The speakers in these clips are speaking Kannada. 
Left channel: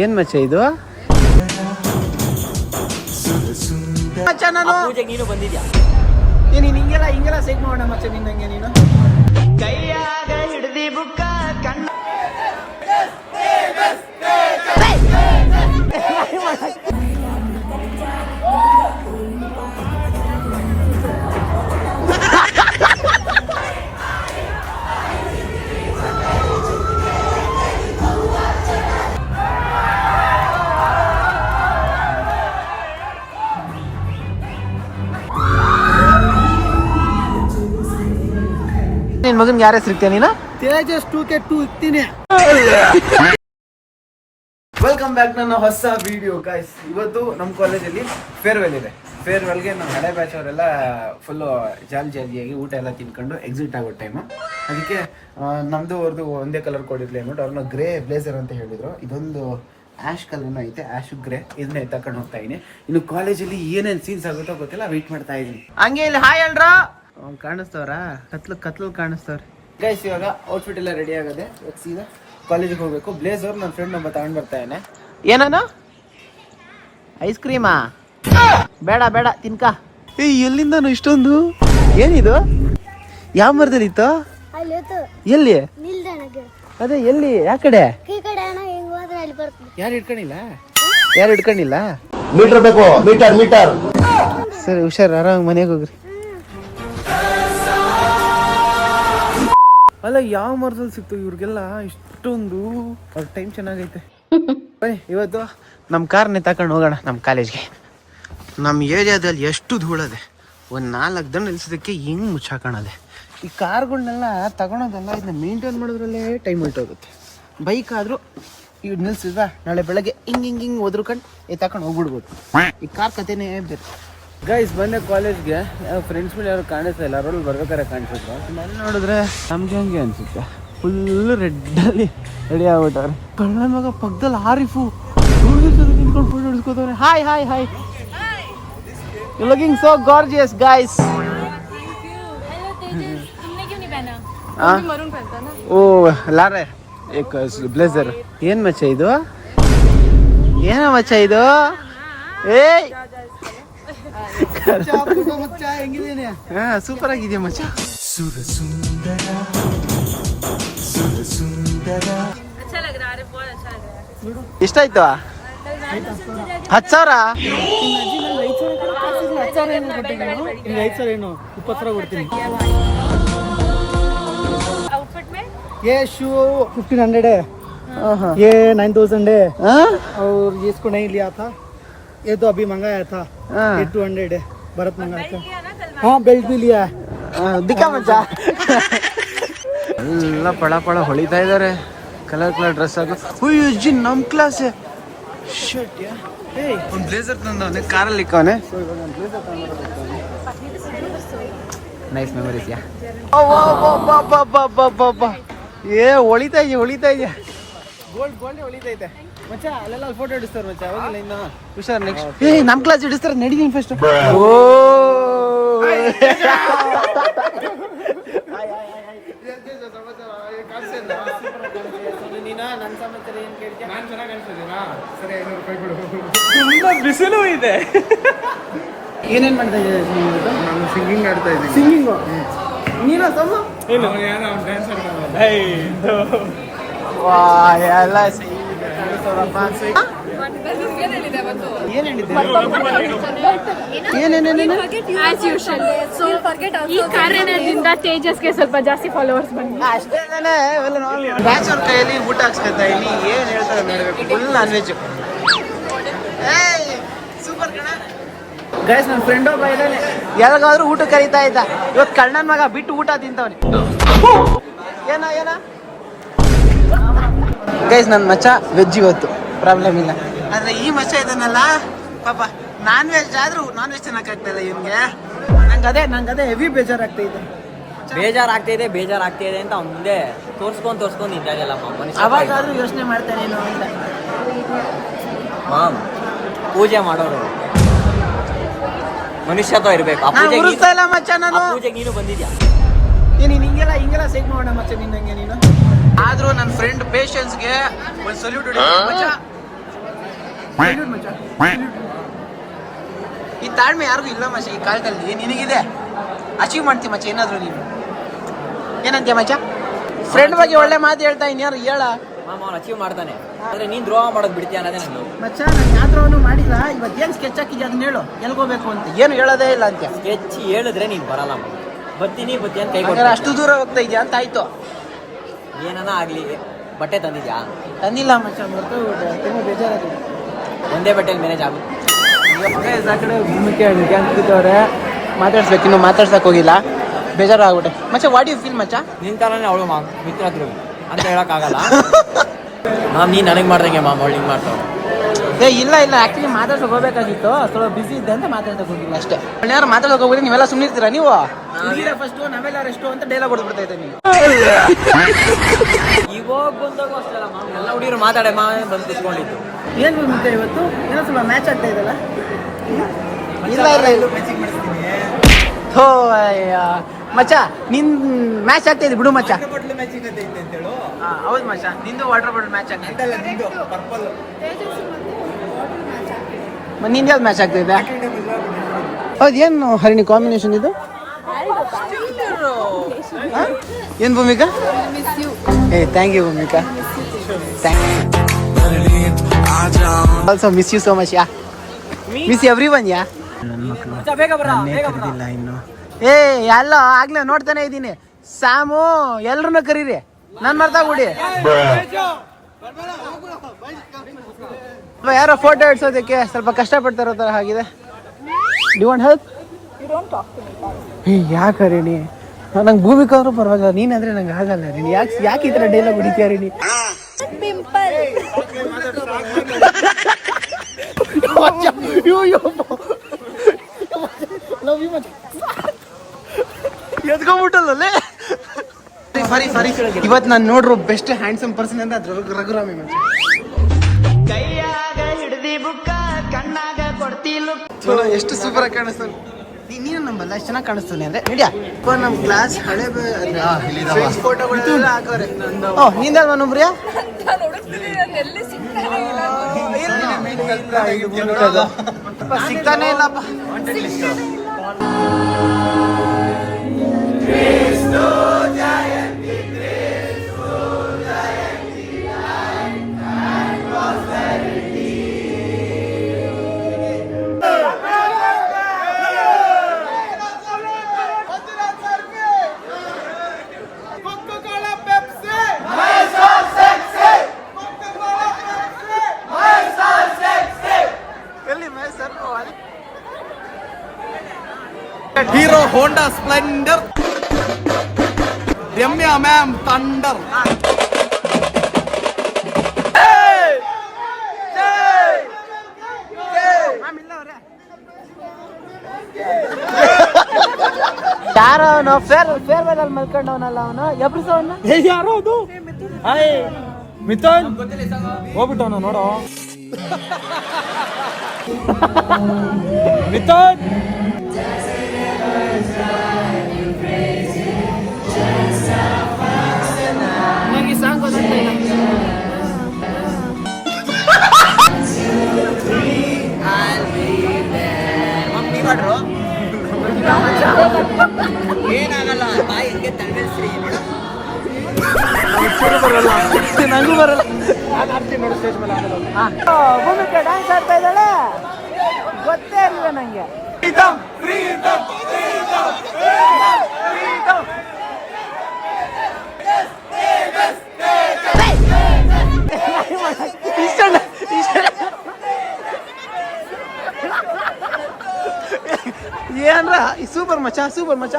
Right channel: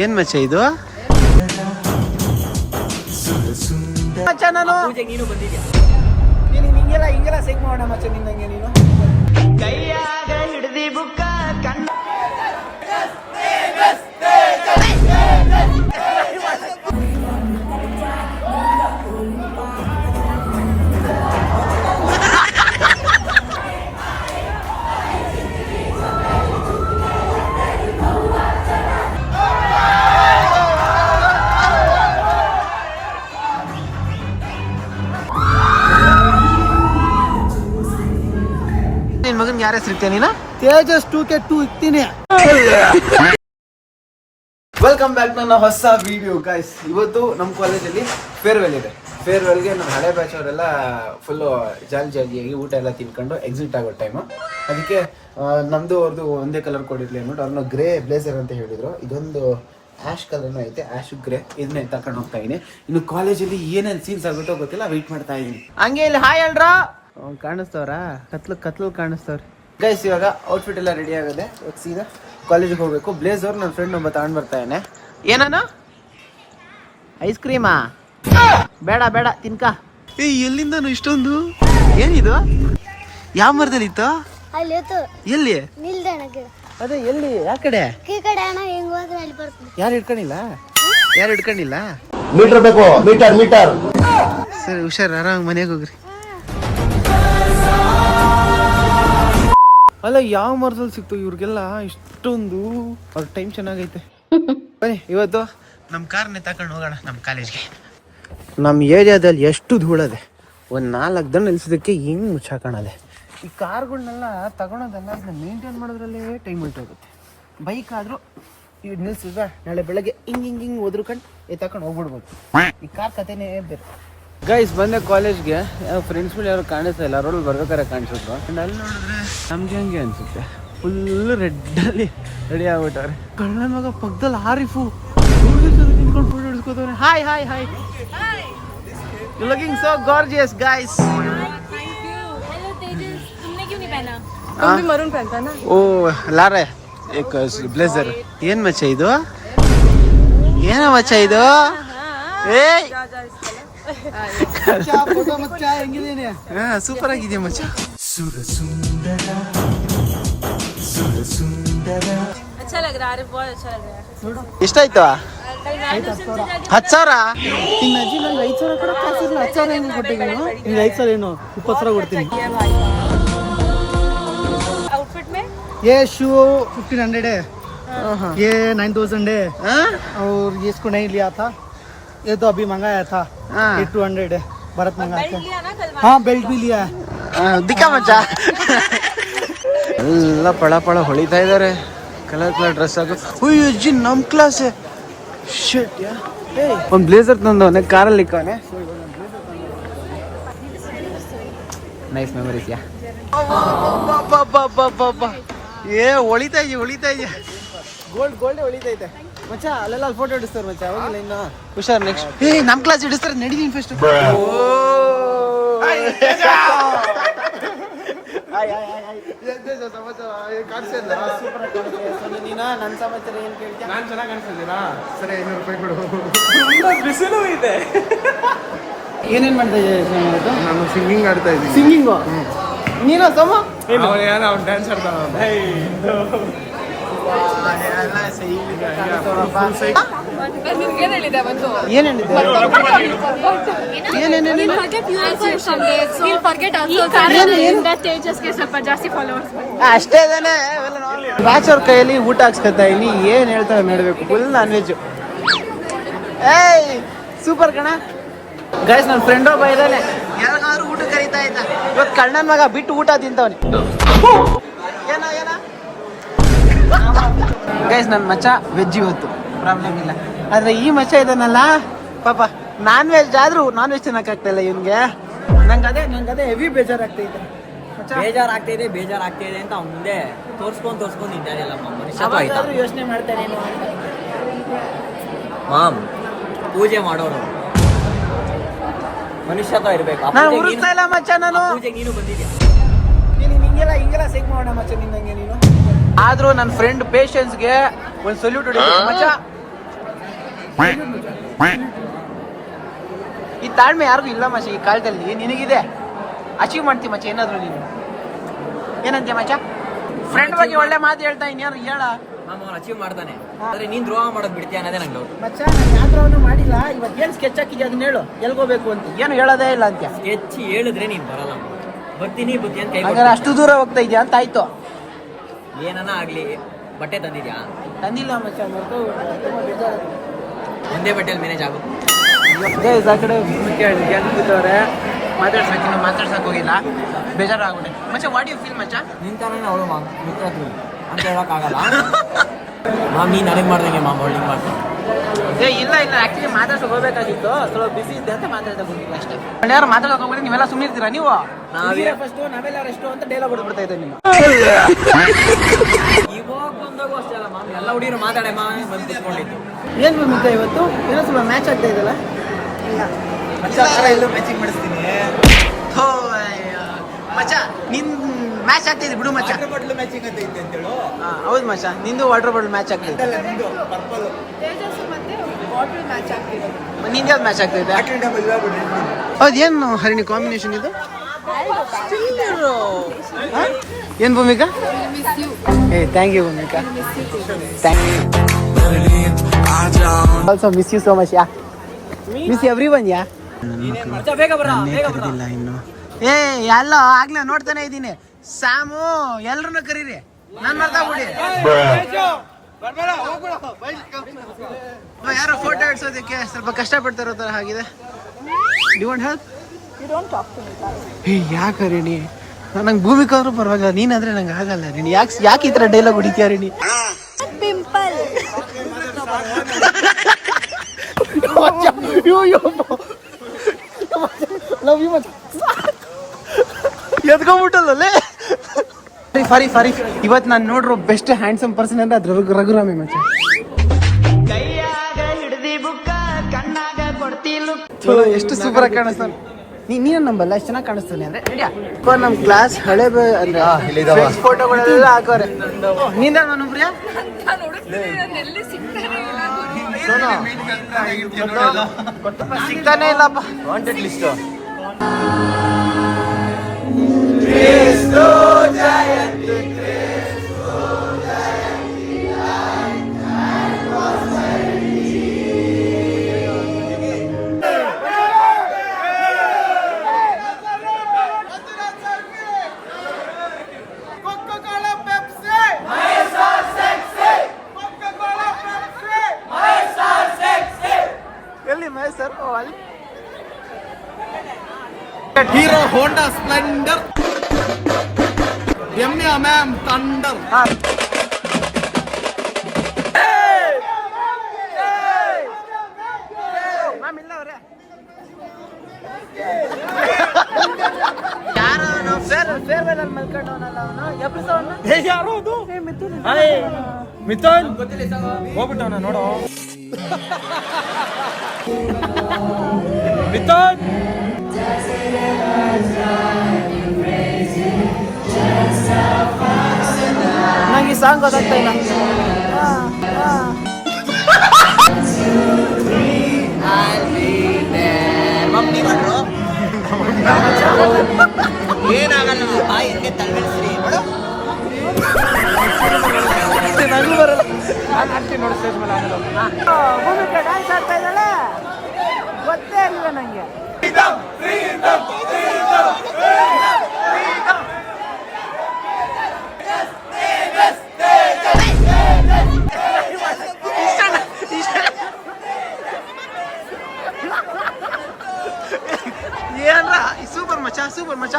ಏನ್ ಮಚ್ಚ ಇದು ಮಚ್ಚ ನಾನು ನೀನು ಬಂದಿದ್ಯಾ ನೀನು ಹಿಂಗೆಲ್ಲ ಸೈಕ್ ಮಾಡೋಣ ಮಚ್ಚ ನಿನ್ನಂಗೆ ನೀನು ಕೈಯಾಗ ಹಿಡ್ದಿ ಬುಕ್ಕ ಕಣ್ಣ ನಿನ್ ಮಗನ್ ಯಾರ ಹೆಸರು ನೀನು ತೇಜಸ್ 2K2 ಇಕ್ತೀನಿ. ವೆಲ್ಕಮ್ ಬ್ಯಾಕ್ ನನ್ನ ಹೊಸ ವಿಡಿಯೋ ಗೈಸ್. ಇವತ್ತು ನಮ್ಮ ಕಾಲೇಜಲ್ಲಿ ಫೇರ್ವೆಲ್ ಇದೆ. ಫೇರ್ವೆಲ್ಗೆ ನಮ್ಮ ಹಳೆ ಬ್ಯಾಚ್ ಅವರೆಲ್ಲ ಫುಲ್ಲು ಜಾಲಿಯಾಗಿ ಊಟ ಎಲ್ಲ ತಿನ್ಕೊಂಡು ಎಕ್ಸಿಟ್ ಆಗೋ ಟೈಮು. ಅದಕ್ಕೆ ನಮ್ಮದು ಅವ್ರದ್ದು ಒಂದೇ ಕಲರ್ ಕೊಡಿರ್ಲಿ ಅಂದ್ಬಿಟ್ಟು ಅವ್ರನ್ನ ಗ್ರೇ ಬ್ಲೇಸರ್ ಅಂತ ಹೇಳಿದ್ರು. ಇದೊಂದು ಆ್ಯಶ್ ಕಲರ್ನ ಐತೆ, ಆ್ಯಶ್ ಗ್ರೇ. ಇದನ್ನೇ ತಕೊಂಡು ಹೋಗ್ತಾ ಇದೀನಿ. ಇನ್ನು ಕಾಲೇಜಲ್ಲಿ ಏನೇನು ಸೀನ್ಸ್ ಆಗುತ್ತೋ ಗೊತ್ತಿಲ್ಲ, ವೆಯ್ಟ್ ಮಾಡ್ತಾ ಇದೀನಿ. ಹಂಗೆ ಇಲ್ಲಿ ಹಾಯ್ ಹೇಳ್ರ ಕಾಣಿಸ್ತವ್ರಾ, ಕತ್ಲು ಕಾಣಿಸ್ತವ್ರಿ ಗೈಸ್. ಇವಾಗ ಔಟ್ಫಿಟ್ ಎಲ್ಲ ರೆಡಿ ಆಗಿದೆ. ಸೀದಾ ಕಾಲೇಜಿಗೆ ಹೋಗ್ಬೇಕು. ಬ್ಲೇಸರ್ ನನ್ನ ಫ್ರೆಂಡ್ ಒಬ್ಬ ತಗೊಂಡ್ ಬರ್ತಾ ಇದ್ದಾನೆ. ಏನಾನ ಐಸ್ ಕ್ರೀಮಾ? ಬೇಡ ತಿನ್ಕ. ಎಲ್ಲಿಂದ ಇಷ್ಟೊಂದು? ಏನಿದು? ಯಾವ ಮರದಲ್ಲಿ ಇತ್ತು? ಎಲ್ಲಿ? ಅದೇ ಎಲ್ಲಿ? ಯಾವ ಕಡೆ? ಯಾರು ಇಟ್ಕೊಂಡಿಲ್ಲ? ಮೀಟರ್ ಬೇಕು, ಮೀಟರ್. ಸರಿ ಹುಷಾರ್, ಆರಾಮ್ ಮನೆಗೆ ಹೋಗ್ರಿ. ಅಲ್ಲ ಯಾವ ಮರದಲ್ಲಿ ಸಿಕ್ತು ಇವ್ರಿಗೆಲ್ಲ ಇಷ್ಟೊಂದು? ಅವ್ರ ಟೈಮ್ ಚೆನ್ನಾಗೈತೆ. ಇವತ್ತು ನಮ್ಮ ಕಾರ್ನೇ ತಗೊಂಡು ಹೋಗೋಣ ನಮ್ಮ ಕಾಲೇಜ್ಗೆ. ನಮ್ಮ ಏರಿಯಾದಲ್ಲಿ ಎಷ್ಟು ಧೂಳದೆ, ಒಂದು 4 ದಿನ ನಿಲ್ಸೋದಕ್ಕೆ ಹೆಂಗೆ ಮುಚ್ಚಾಕೋಣದೆ. ಈ ಕಾರ್ಗಳನ್ನೆಲ್ಲ ತಗೊಳೋದಲ್ಲ, ಇದನ್ನ ಮೇಂಟೈನ್ ಮಾಡೋದ್ರಲ್ಲೇ ಟೈಮ್ ಹೊರಟೋಗುತ್ತೆ. ಬೈಕ್ ಆದರೂ ಇವ್ ನಿಲ್ಸಿದ್ರ ನಾಳೆ ಬೆಳಗ್ಗೆ ಹಿಂಗೆ ಒದ್ರುಕೊಂಡು ತಗೊಂಡು ಹೋಗ್ಬಿಡ್ಬೋದು. ಈ ಕಾರ್ ಕಥೆನೇ ಬೇರೆ. ಗೈಸ್ ಬಂದೆ ಕಾಲೇಜ್ಗೆ. ಫ್ರೆಂಡ್ಸ್ಗಳು ಯಾರು ಕಾಣಿಸ್ತಾ ಇಲ್ಲ, ರೋಡಲ್ಲಿ ಬರ್ಬೇಕಾರೆ ಕಾಣಿಸಿದ್ರು. ಅಲ್ಲಿ ನೋಡಿದ್ರೆ ನಮ್ಗೆ ಹಂಗೆ ಅನ್ಸುತ್ತೆ, ಫುಲ್ಲು ರೆಡ್ಡಲ್ಲಿ ರೆಡಿ ಆಗ್ಬಿಟ್ಟವ್ರೆ. ಕಳ್ಳ ಮಗ ಪಕ್ಕದಲ್ಲಿ ಆರಿಫು ನಿಂತ್ಕೊಂಡು ಫೋಟೋ ಹಿಡಿಸ್ಕೋತವ್ರೆ. Hi you looking so gorgeous guys. ಓ ಲಾರೆ ಏಕ್ ಬ್ಲೇಸರ್. ಏನ್ ಮಚ್ಚ ಇದು? ಏನ ಮಚ್ಚ ಇದು? ಏಯ್ ಸೂಪರ್ ಆಗಿದೆಯಾ ಮಚ್ಚ. ಎಷ್ಟಾಯ್ತು? 10,000. 5,000 ಏನು 20,000 ಕೊಡ್ತೀನಿ. ये शू 1,500 है, ये 9,000 है. और ये इसको नहीं लिया था, ये तो अभी मंगाया था. ये 200 है, भरत मंगाया था. हाँ बेल्ट भी लिया है. ದಿಕ್ಕ ಮಚ್ಚ. ಎಲ್ಲ ಪಳ ಹೊಳಿತಾ ಇದಾರೆ. ಕಲರ್ ಡ್ರೆಸ್ ಹಾಕು. ಅಯ್ಯೋ ಅಜ್ಜಿ ನಮ್ಮ ಕ್ಲಾಸೇ. ಒಂದು ಬ್ಲೇಸರ್ ತಂದವನೆ, ಕಾರಲ್ಲಿ ಇಕ್ಕವನೆ. ನೈಸ್ ಮೆಮರೀಸ್ ಯಾ. ಏ ಹೊಳಿತಾ ಇದೆಯಾ ಗೋಲ್ಡ್ ಹೊಳಿತೈತೆ ಮಚ್ಚ. ಅಲ್ಲೆಲ್ಲ ಫೋಟೋ ಹಿಡಿಸ್ತಾರೆ ಮಚ್ಚ. ಹೋಗಿಲ್ಲ ಇನ್ನು ಹುಷಾರ್. ನೆಕ್ಸ್ಟ್ ನಮ್ಮ ಕ್ಲಾಸ್ ಹಿಡಿಸ್ತಾರೆ, ನಡೀತೀನಿ ಫಸ್ಟ್. ನೀನಾ ನನ್ನ ಸಮಾಚಾರ ಏನು ಕೇಳ್ತೀಯ? ನಾನು ಚೆನ್ನಾಗಿ ಕಾಣಿಸ್ತಿದ್ದೀರಾ? ಸರಿ, 500 ರೂಪಾಯಿ ಇದೆ. ಏನೇನು ಮಾಡ್ತಾ ಇದ್ದೀವಿ? ನಾನು ಸಿಂಗಿಂಗ್ ಆಡ್ತಾ ಇದ್ದೀನಿ. ಸಿಂಗಿಂಗು ನೀನು ಸಮ? ಡ್ಯಾನ್ಸ್ ಆಡ್ತಾನಪ್ಪ. ಎಲ್ಲ ಕಾಣಿಸ್ತವ್ರಪ್ಪ. ಸ್ವಲ್ಪ ಜಾಸ್ತಿ ಫಾಲೋವರ್ಸ್ ಅಷ್ಟೇ ತಾನೆ. ಬ್ಯಾಚ್ ಅವ್ರ ಕೈಯಲ್ಲಿ ಊಟ ಹಾಕ್ಸ್ಕೊತಾ ಇದೀನಿ. ಏನ್ ಹೇಳ್ತಾರೆ ನೋಡ್ಬೇಕು. Full non veg. ಏಯ್ ಸೂಪರ್ ಕಣ ಗೈಸ್. ನನ್ನ ಫ್ರೆಂಡ್ ಒಬ್ಬ ಇದ್ದಾನೆ, ಯಾವಾಗಾದ್ರೂ ಊಟ ಕರೀತಾ ಇದ್ದ. ಇವತ್ತು ಕಣ್ಣನ್ ಮಗ ಬಿಟ್ಟು ಊಟ ತಿಂತವನೆ. ಏನ ಗೈಸ್, ನನ್ನ ಮಚ್ಚ ವೆಜ್ ಇವತ್ತು, ಪ್ರಾಬ್ಲಮ್ ಇಲ್ಲ. ಆದ್ರೆ ಈ ಮಚ್ಚ ಇದನ್ನಲ್ಲ ಪಾಪ ನಾನ್ ವೆಜ್ ಆದ್ರೂ ನಾನ್ ವೆಜ್ ತಿನ್ನಕ್ಕಾಗ್ತಾ ಇಲ್ಲ ಇವನ್ಗೆ. ನಂಗದೇ ಹೆವಿ ಬೇಜಾರಾಗ್ತಾ ಇದೆ ಅಂತ ಮುಂದೆ ತೋರ್ಸ್ಕೊಂಡ್ ನಿಂತಿಲ್ಲ. ಅವಾಗಾದ್ರೂ ಯೋಚನೆ ಮಾಡ್ತಾರೆ ಏನೋ ಅಂತ. ಪೂಜೆ ಮಾಡೋರು ಮನುಷ್ಯತ್ವ ಇರ್ಬೇಕು. ನಾನು ಉರಿಸ್ತಾ ಇಲ್ಲ ಮಚ್ಚ. ನಾನು ನೀನು ಬಂದಿದ್ಯಾ? ಹಿಂಗೆಲ್ಲ ಸೈಕ್ ಮಾಡೋಣ ಮಚ್ಚ ನಿನ್ನಂಗೆ ನೀನು. ಆದ್ರೂ ನನ್ನ ಫ್ರೆಂಡ್ ಪೇಷನ್ಸ್ಗೆ ಒಂದು ಸಲ್ಯೂಟ್ ಹೊಡಿತೀನಿ ಮಚ್ಚ. ಈ ತಾಳ್ಮೆ ಯಾರಿಗೂ ಇಲ್ಲ ಮಚ್ಚ ಈ ಕಾಲದಲ್ಲಿ. ನಿನಗಿದೆ, ಅಚೀವ್ ಮಾಡ್ತೀವಿ ಮಚ್ಚ ಏನಾದ್ರು ನೀನು. ಏನಂತೀಯ ಮಚ್ಚ? ಫ್ರೆಂಡ್ ಬಗ್ಗೆ ಒಳ್ಳೆ ಮಾತು ಹೇಳ್ತಾ ಇನ್ಯಾರು ಹೇಳ. ಅವನು ಅಚೀವ್ ಮಾಡ್ತಾನೆ, ಆದ್ರೆ ನೀನ್ ದ್ರೋಹ ಮಾಡೋದು ಬಿಡ್ತೀಯ ಅನ್ನೋದೇ ನನಗೆ. ಮಚ್ಚ ನಾನು ಯಾವ್ದ್ರೂ ಮಾಡಿಲ್ಲ. ಇವತ್ತು ಏನು ಸ್ಕೆಚ್ ಹಾಕಿದ್ಯಾ ಅದನ್ನ ಹೇಳು. ಎಲ್ಗೋಬೇಕು ಅಂತ ಏನು ಹೇಳೋದೇ ಇಲ್ಲ ಅಂತ್ಯ. ಹೆಚ್ಚು ಹೇಳಿದ್ರೆ ನೀನ್ ಬರಲ್ಲ. ಬರ್ತೀನಿ ಅಂತ ಕೈ ಹಂಗಾರೆ ಅಷ್ಟು ದೂರ ಹೋಗ್ತಾ ಇದೆಯಾ ಅಂತ ಆಯ್ತು. ಏನನ ಆಗ್ಲಿ, ಬಟ್ಟೆ ತಂದಿದ್ಯಾ? ತಂದಿಲ್ಲ ಮಚ್ಚ, ತುಂಬ ಬೇಜಾರಾಗಿದೆ. ಒಂದೇ ಬಟ್ಟೆಯಲ್ಲಿ ಮ್ಯಾನೇಜ್ ಆಗುತ್ತೆ. ಆ ಕಡೆ ಭೂಮಿಕೆ ಗ್ಯಾಂಗ್ ಕೂತವ್ರೆ, ಮಾತಾಡ್ಸ್ಬೇಕು. ಇನ್ನು ಮಾತಾಡ್ಸಕ್ ಹೋಗಿಲ್ಲ, ಬೇಜಾರಾಗ್ಬಿಟ್ಟೆ ಮಚ್ಚ. ವಾಟ್ ಯು ಫೀಲ್ ಮಚ್ಚ? ನಿನ್ ತರನೇ ಅವಳು ಮಿತ್ರ ಹತ್ರ ಅಂತ ಹೇಳಕ್ಕಾಗಲ್ಲ. ನೀನ್ ನನಗೆ ಮಾಡ್ದಂಗೆ ಅವಳು ಹಿಂಗೆ ಮಾಡ್ತಾವೆ. ಇಲ್ಲ ಆಕ್ಚುಲಿ ಮಾತಾಡ್ಸಕ್ ಹೋಗ್ಬೇಕಾಗಿತ್ತು, ಸ್ವಲ್ಪ ಬಿಸಿ ಇದ್ದೆ ಅಂತ ಮಾತಾಡ್ಸಕ್ ಹೋಗಿಲ್ಲ ಅಷ್ಟೇ. ಯಾರು ಮಾತಾಡಕ್ ಹೋಗಿದ್ರೆ ನೀವೆಲ್ಲ ಸುಮ್ಮನೆ ಇರ್ತೀರಾ ನೀವು? ಹುಡುಗಿರ ಫಸ್ಟ್ ನಾವೆಲ್ಲರೂ ಎಷ್ಟು ಅಂತ ಡೈಲಾಗ್ ಹೊಡ್ಬಿಡ್ತಾ ಇದ್ದೆ ನೀನು. ಇವಾಗ ಬಂದಾಗ ಅಷ್ಟೇ ಅಲ್ಲ ಎಲ್ಲ ಹುಡುಗಿರು ಮಾತಾಡೇ ಬಂದು ತಿಳ್ಕೊಂಡಿದ್ದು. ಏನ್ ಭೂಮಿಕಾ ಇವತ್ತು ಏನೋ ಸ್ವಲ್ಪ ಮ್ಯಾಚ್ ಆಗ್ತಾ ಇದಲ್ಲ? ಇಲ್ಲ ಹೋ ಮಚ್ಚ, ನಿನ್ ಮ್ಯಾಚ್ ಆಗ್ತಾ ಇದೆ ಬಿಡು ಮಚ್ಚ. ಹೌದು ಮಚ್ಚ, ನಿಂದು ವಾಟರ್ ಬಾಟಲ್ ಮ್ಯಾಚ್ ಆಗ್ತಿದೆ. ನಿಂದು ಯಾವ್ದು ಮ್ಯಾಚ್ ಆಗ್ತಿದೆ? ಹೌದು, ಏನು ಹರಿಣಿ ಕಾಂಬಿನೇಷನ್ ಇದು? ಏನ್ Bhoomika? Thank you Bhoomika, also miss you so much. Miss everyone yeah. ಕರೀದಿಲ್ಲ ಇನ್ನು. ಎಲ್ಲ ಆಗ್ಲೇ ನೋಡ್ತಾನೆ ಇದ್ದೀನಿ. ಸ್ಯಾಮು ಎಲ್ರನ್ನ ಕರೀರಿ, ನನ್ ಮರ್ತಾಗ್ಬಿಡಿ. ಯಾರೋ ಫೋಟೋ ಇಡ್ಸೋದಕ್ಕೆ ಸ್ವಲ್ಪ ಕಷ್ಟಪಡ್ತಾರೋ ತರ ಆಗಿದೆ. Do want help? ಯಾಕೆ ರೇಣಿ? ನಂಗೆ ಭೂಮಿಕಾ ಆದ್ರೂ ಪರವಾಗಿಲ್ಲ, ನೀನಾದ್ರೆ ನಂಗೆ ಆಗಲ್ಲ ರೇಣಿ. ಯಾಕೆ ಈ ತರ ಡೈಲಾಗ್ ಹೊಡಿತೀಯ ರೇಣಿ? ಎದ್ಕೊಂಡ್ಬಿಟ್ಟಲ್ಲೇ. ಫರಿ ಇವತ್ತು ನಾನು ನೋಡ್ರೋ ಬೆಸ್ಟ್ ಹ್ಯಾಂಡ್ಸಮ್ ಪರ್ಸನ್ ಅಂತ ಅದ್ರ ರಘುರಾಮಿ ಮಚ್ಚ. ಚಲೋ, ಎಷ್ಟು ಸೂಪರ್ ಆಗಿ ಕಾಣಿಸ್ತಾನೆ. ನೀನು ನಂಬಲ್ಲ, ಎಷ್ಟು ಚೆನ್ನಾಗಿ ಕಾಣಿಸ್ತಾನೆ ಅಂದ್ರೆ ಇಂಡಿಯಾ. ನಮ್ಮ ಕ್ಲಾಸ್ ಹಳೆ ಫ್ರೆಂಡ್ಸ್ ಫೋಟೋಗಳೆಲ್ಲ ಹಾಕೋರೆ. ನಿಂದ ನಂಬ್ರಿಯಾ? ಸಿಗ್ತಾನೆ ಇಲ್ಲಪ್ಪ. ಹೀರೋ ಹೋಂಡಾ ಸ್ಪ್ಲೆಂಡರ್, ರಮ್ಯ ಮ್ಯಾಮ್ ಥಂಡರ್. ಯಾರೋ ಅವನು ಫೇರ್ವೆಲ್ ಅಲ್ಲಿ ಮಲ್ಕೊಂಡವನಲ್ಲ ಅವನು. ಯಾರೋ ಅದು ಮಿಥುನ್ ಹೋಗ್ಬಿಟ್ಟವನ ನೋಡು. ಮಿಥುನ್ ನಂಗೆ ಸಾಂಗ್ ಗೊತ್ತಾಗ್ತಾ ಇಲ್ಲ. ಏನಾಗಲ್ಲ, ಬಾಯಿಗೆ ತಳ್ಳಿಸ್ರಿ ನೋಡು. ಭೂಮಿಕಾ ಡ್ಯಾನ್ಸ್ ಆಡ್ತಾ ಇದ್ದಾಳೆ, ಗೊತ್ತೇ ಇರಲಿಲ್ಲ ನಂಗೆ. ಏನ್ರ ಸೂಪರ್ ಮಚ್ಚ.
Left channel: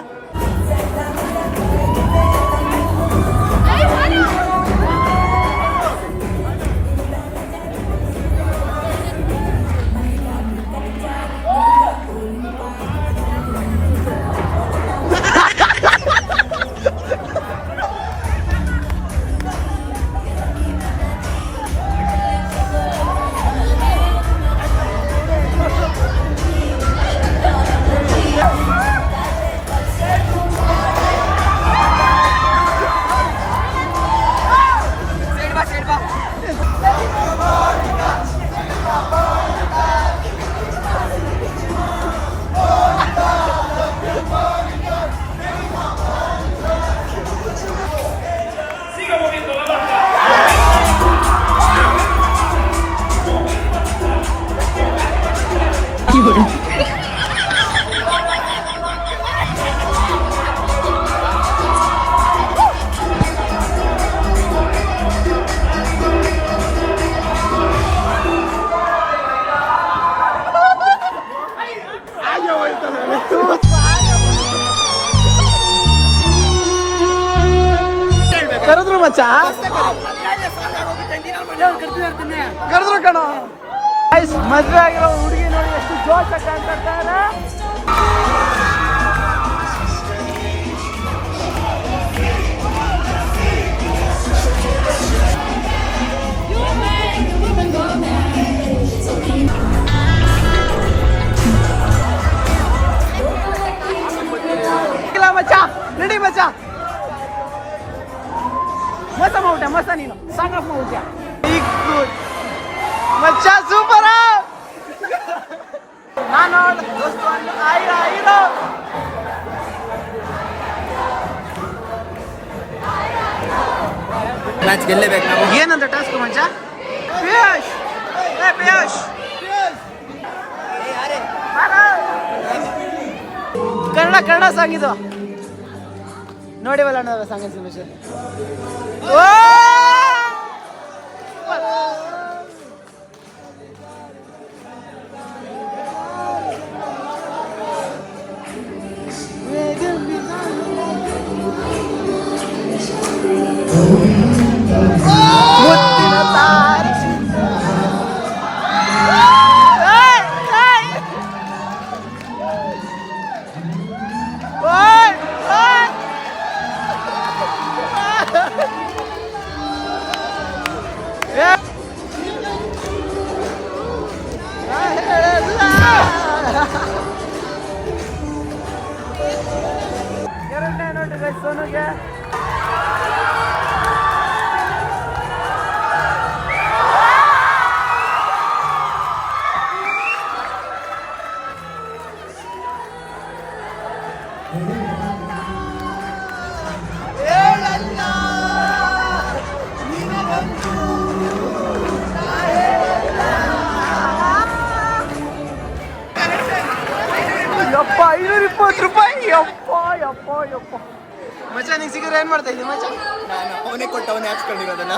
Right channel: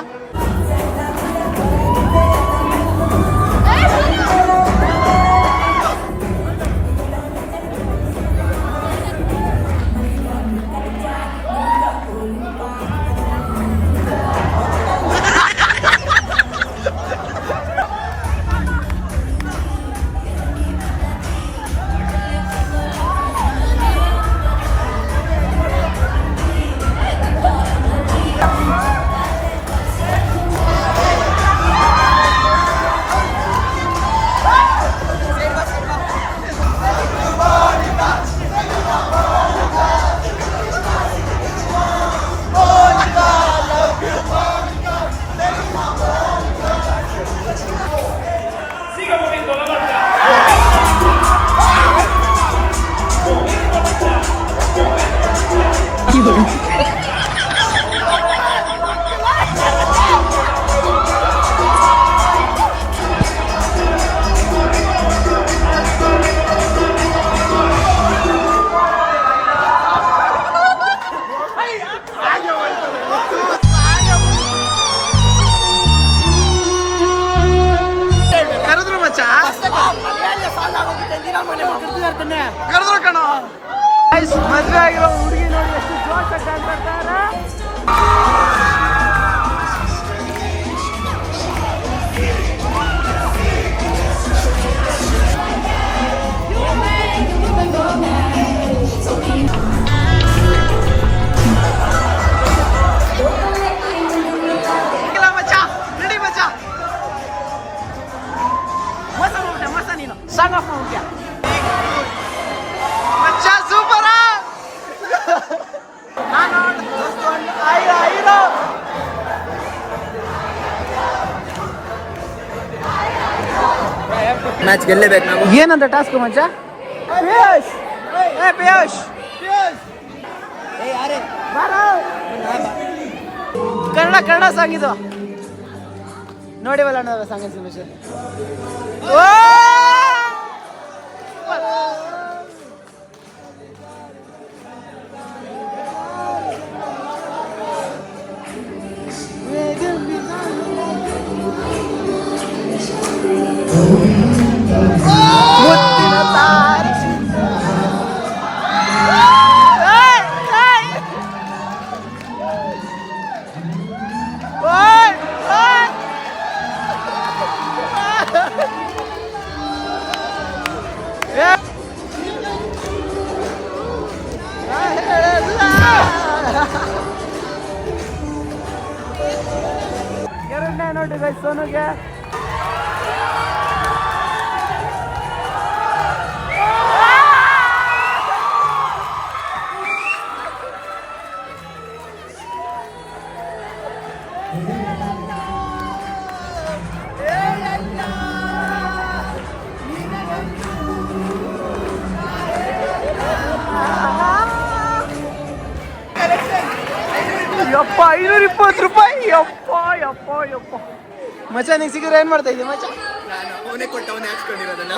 ಕರೆದ್ರು ಮಚ್ಚ ಕರೆದ್ರು ಕಣ ಮದ್ವೆ ಆಗಿರೋ ಹುಡುಗಿ ನೋಡಿ ಎಷ್ಟು ಜೋಶ್ ಕಾಣ್ತಾರೆ. ಮಚ್ಚ ನಡಿ ಮಚ್ಚ ಮೋಸ ಮಾಡ್ಬಿಟ್ಟೆ ಮೋಸ ನೀನು ಸಾಂಗ್ ಆಫ್ ಮಾಡ್ಬಿಟ್ಯ ಮಚ್ಚ ಸೂಪರ್ ನಾನು ದೋಸ್ತು ಐರೋ ಮ್ಯಾಚ್ ಗೆಲ್ಲೇಬೇಕು ನಾವು. ಏನಂತ ಟಾಸ್ಕ್ ಮಚ್ಚ ಪಿಯೂಷ್ ಪಿಯೂಷ್ ಕನ್ನಡ ಸಾಂಗ್ ಇದು ನೋಡಿವಲ್ಲ ಅನ್ನೋ ಸಾಂಗ್ ಇನ್ಫಾರ್ಮೇಶನ್. ಎರಡನೇ ನೋಟು ಗೈಸ್ ಸೋನುಗೆ. ಯಪ್ಪ 520 ರೂಪಾಯಿ ಯಪ್ಪ ಯಪ್ಪ ಯಪ್ಪ ಮಚ್ಚ ನಿಂಗೆ ಸಿಗಿದ್ರೆ ಏನ್ ಮಾಡ್ತಾ ಇದ್ದೀನಿ ಮಚ್ಚ? ಅವನೇ ಕೊಟ್ಟವನೇ ಹಾಕ್ಸ್ಕೊಂಡಿರೋದನ್ನ.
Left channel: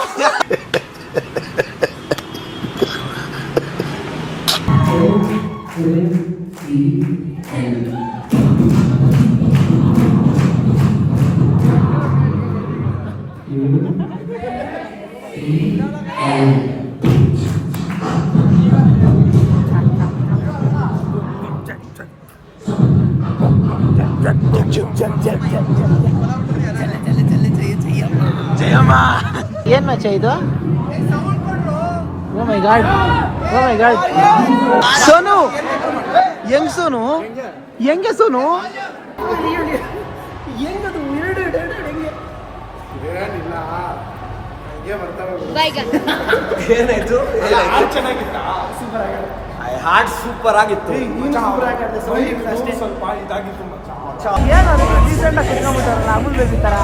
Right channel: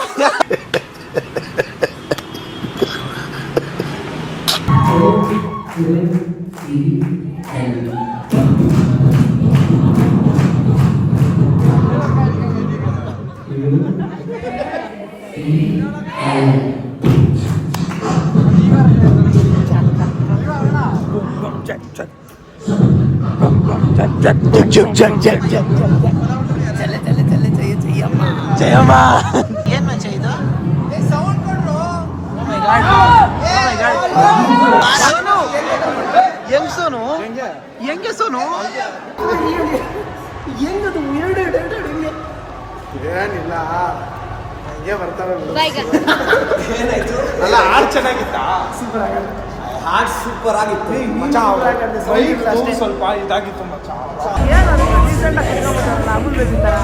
ಜಯಮ್ಮ ಏನ್ ಮಚ್ಚ ಇದು? ಓ ಮೈ ಗಾಡ್ ಓ ಮೈ ಗಾಡ್ ಸೋನು ಹೆಂಗ್ ಸೋನು ಹೆಂಗೆ ಸೋನು ಹೆಂಗದು ಎರಡು ಹೆಂಗೆ ಏನಿಲ್ಲ ಹಂಗೆ ಬರ್ತಾವೆ ಚೆನ್ನಾಗಿತ್ತ ಸೂಪರ್ ಆಗಾಡ ಹಾಡ್ ಸೂಪರ್ ಆಗಿತ್ತು. ನೀನು ಸೂಪರ್ ಆಗಾಡ್ದೆ ಸ್ವಲ್ಪ ಇದಾಗಿತ್ತು ಏನು ಅದಕ್ಕೆ ಡೀಸೆಂಟ್ ಆಗಿ ಕುತ್ಕೊಂಡ್ಬಿಟ್ಟಾರಲ್ಲ ಅಮೂಲ್ ಬೇಬಿ ಥರ.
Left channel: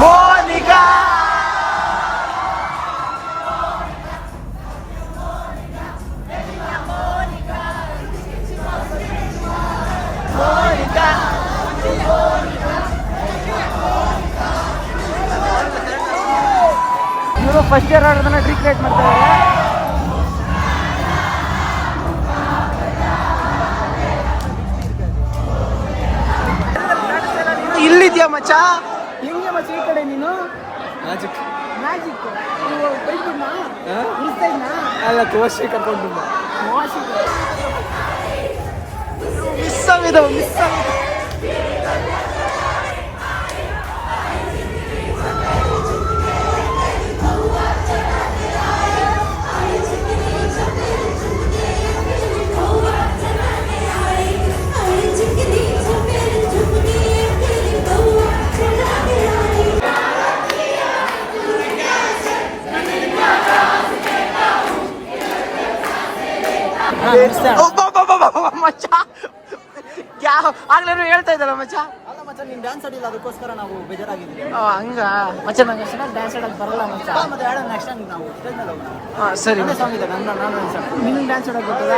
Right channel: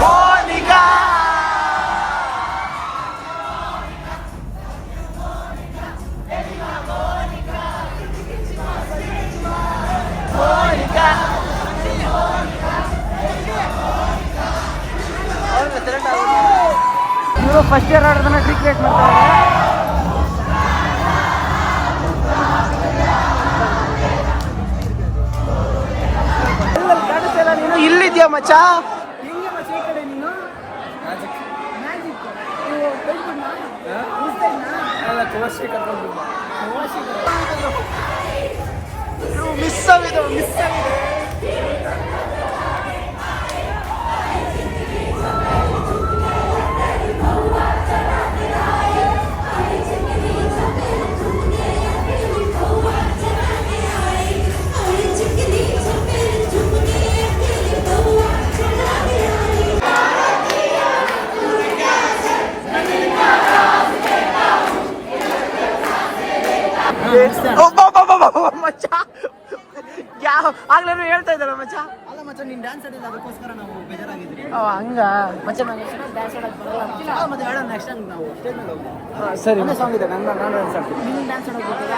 ಮೋನಿಕಾ ಮೋನಿಕಾ ಇವರು ಫಸ್ಟ್ ಇಯರ್ ಆಡೋದನ್ನ ಟ್ರೀಟ್ಮೆಂಟ್ ಮಾಡ್ತಾ ಇದ್ದಾರೆ. ನೀನು ಇಲ್ಲಿದ್ಯಾ ಮಚ್ಚ? ಹೆಂಗೆ ಮಚ್ಚ ಈ ಕಡೆ ನೀನು? ಮ್ಯಾಜಿಕ್ ಅಲ್ಲ ತೋರ್ಸಿ ಕರ್ಕೊಂಡು ಮಿಸ್ ಆಗಿದೆ ಮಿಸ್ ಆಗಿದೆ. ಮಚ್ಚ ಯಾವ ಆಗ್ಲೇನು ಹೇಳ್ತಾ ಇದ್ದಾರ ಮಚ್ಚ. ಅಲ್ಲ ಮಚ್ಚ ನೀನ್ ಡ್ಯಾನ್ಸ್ ಆಡಿಲ್ಲ ಅದಕ್ಕೋಸ್ಕರ ನಾವು ಬೇಜಾರಾಗಿದ್ದೀವಿ. ಹಂಗ ಮಚ್ಚ ನಂಗೆ ಡ್ಯಾನ್ಸ್ ಆಡೋದು ಬರಲ್ಲ ಮಚ್ಚ. ಮತ್ತೆ ಆಡೋಣ ನೆಕ್ಸ್ಟ್ ಟೈಮ್ ನಾವು ಸ್ಟೇಜ್ ಮೇಲೆ ಹೋಗೋಣ. ಸರಿ ಸಾಂಗ್ ಇದೆ ನಾನು ನಿನ್ನ ಡ್ಯಾನ್ಸ್ ಆಡೋಕೆ ಗೊತ್ತಿಲ್ಲ.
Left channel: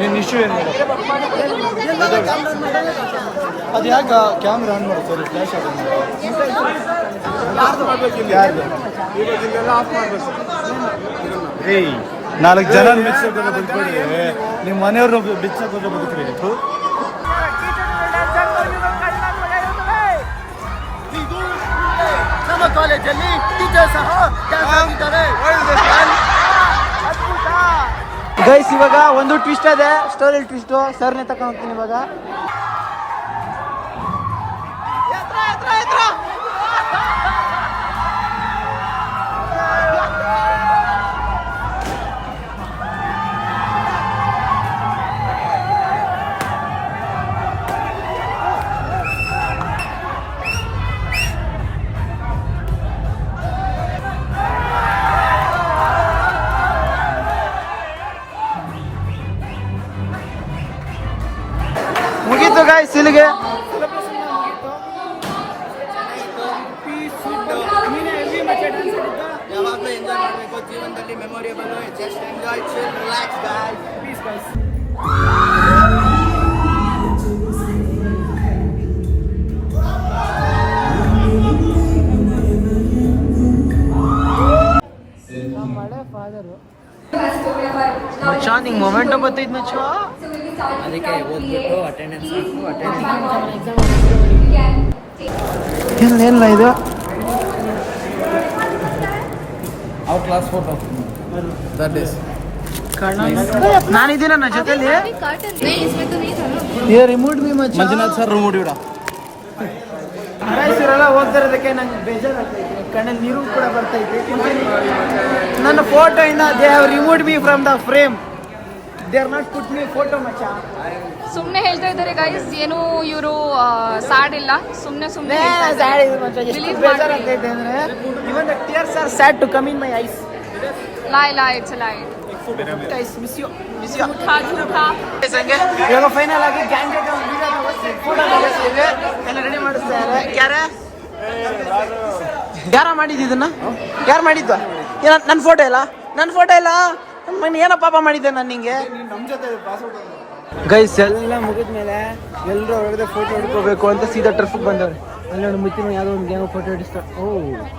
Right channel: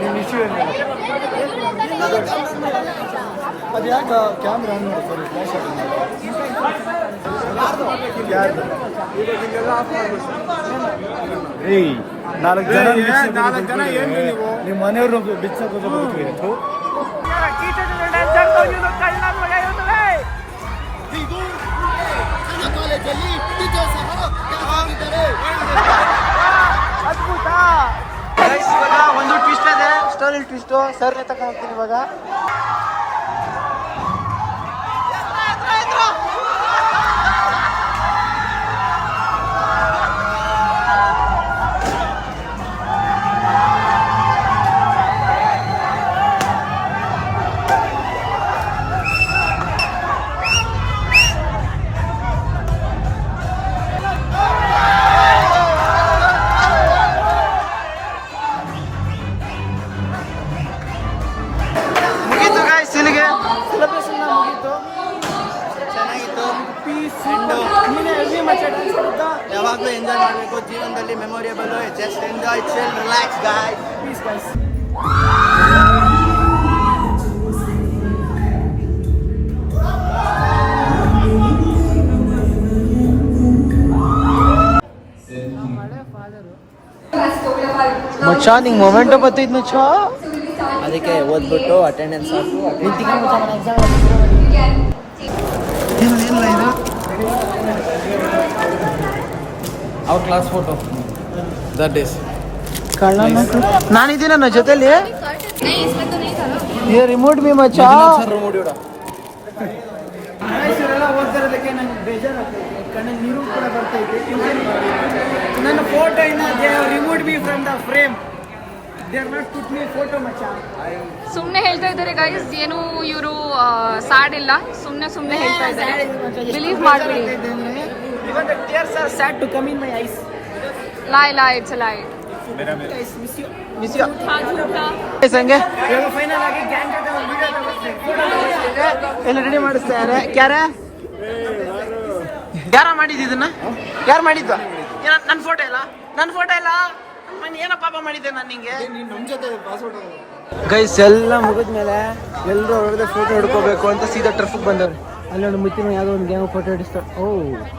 ನಿನ್ನ ಇಶ್ಯೂ ಏನು ಅದು ಯಾಕೆ ಕ್ಯಾಮ್ರಾ ಆನ್ ಮಾಡು ಸರಿ ಫ್ಲಾಶ್ ರೀ 4 ಜನ ನಿಮ್ಮ ಮನೆಯವರು ಡಿಚ್ ಬದುಕ್ರಿ ನಮ್ಮ ಕಾಲೇಜಲ್ಲಿ ಟೀಚರ್ ಸಹ ಡ್ಯಾನ್ಸ್ ಆಡಿದ್ದಾರೆ. ಅದ್ಭುತ ಗೈಸ್. ಇವಾಗ ಒಂದು ಟ್ವಿಸ್ಟ್ ಅದ, ಸ್ಟೋರಿ ಟ್ವಿಸ್ಟ್ ಸರ್ನೇ ತಗೊಂಡ್ತೀನಿ ಇವಾಗ. ಮುಗೀತು ಗಾಯ್ಸ್ ಇಲ್ಲಿಗೆ. ಯಾವಾಗಲೂ ಎಂಜಾಯ್ ಮಾಡಬೇಕು ಜೀವನದಲ್ಲಿ, memorable. Just enjoy, chill, relax guys. Please guys. ಮಚ್ಚ ನಿಂಗೆ ಮೊಮೆಂಟೋ ಬರ್ತೈತ್ ಮಚ್ಚ. ಅದಕ್ಕೆ ಓದ್ಬಿಟ್ಟು ಅಟೆಂಡೆನ್ಸ್ ಹಾಕು. ಏನಿಲ್ಲ ಇದು ಅವ್ರ ಕ್ಲಾಸ್ ಫೋಟೋ ದಟ್ ಡೇಸ್. ನಾನಿದ್ದೀನಿ ನನ್ನ ಜೊತೆಲಿ. ರಿಮೋಟ್ ಮೀ ಮಚ್ಚ. ಸರ್ ನೋಡಿ ಬಿಡ. ಇವರೆಲ್ಲ ಹೋಗ್ತಾ ಇರೋದಕ್ಕೆ ನಂಗೆ ಬೇಜಾರಾಗ್ತೈತೆ, ಕಣ್ಣಲ್ಲಿ ನೀರು ಕೂಡ ಬರ್ತೈತೆ. ನನ್ನ ಫೋಟೋ ಇನ್ನ they have removed me from the frame. They are not put me photo ಮಚ್ಚ. ಸುಮ್ನೆ ಹೇಳ್ತಾ ಇದ್ದಾರೆ ಗೈಸ್, ಏನು ಇವರು ಸ್ಯಾಡ್ ಇಲ್ಲ, ಸುಮ್ನೆ ಹೇಳ್ತಾ ಇದ್ದಾರೆ. ಬಿಲೀವ್ ಮಾಡ್ಬೇಡಿ. Sad to come in my eyes. lie, it's a lie. Guys, miss you. झूठा झूठा. ಇವಾಗ ಫೈನಲ್ ಆಗಿ ಕ್ಯಾಂಡಿಡೇಟ್ ವಿಡಿಯೋ ತಗೋಸ್ತೀವಿ, ಫೋಟೋ ತಗೋಸ್ತೀವಿ. ಯಾರ ಮಾಡಿದ್ದು ಇದನ್ನ? ಯಾರು ಮಾಡಿದ್ದು? ನನ್ನ ಫೋಟೋ ಇಲ್ಲ, ನನ್ನ ಫೋಟೋ ಇಲ್ಲ. ಏನೋ ಪಾಪ ಮಾಡಿದ್ದೆ ನಾನು ನಿಂಗೆ. ನಮ್ಮ ಜೊತೆ ಪಾಸ್ವರ್ಡ್ ಗೈಸ್ ಎಲ್ಲ ಮುಗಿದ್ಮೇಲೆ ಎಲ್ಲರೂ ಒಳಗಡೆ ಫೋಟೋ ಹಿಡ್ಕೋಬೇಕು ಅಂತ ಸೀದಾ ಟ್ರಫಿಗೆ ಬಂದವ್ರೆ. ಅಲ್ಲಿ ನೋಡಿ ಮುತ್ತಿನ ಯಾವುದೋ ಒಂದು ಗ್ಯಾಂಗ್ ಫೋಟೋ ಹಿಡಿಸ್ತಾರೆ.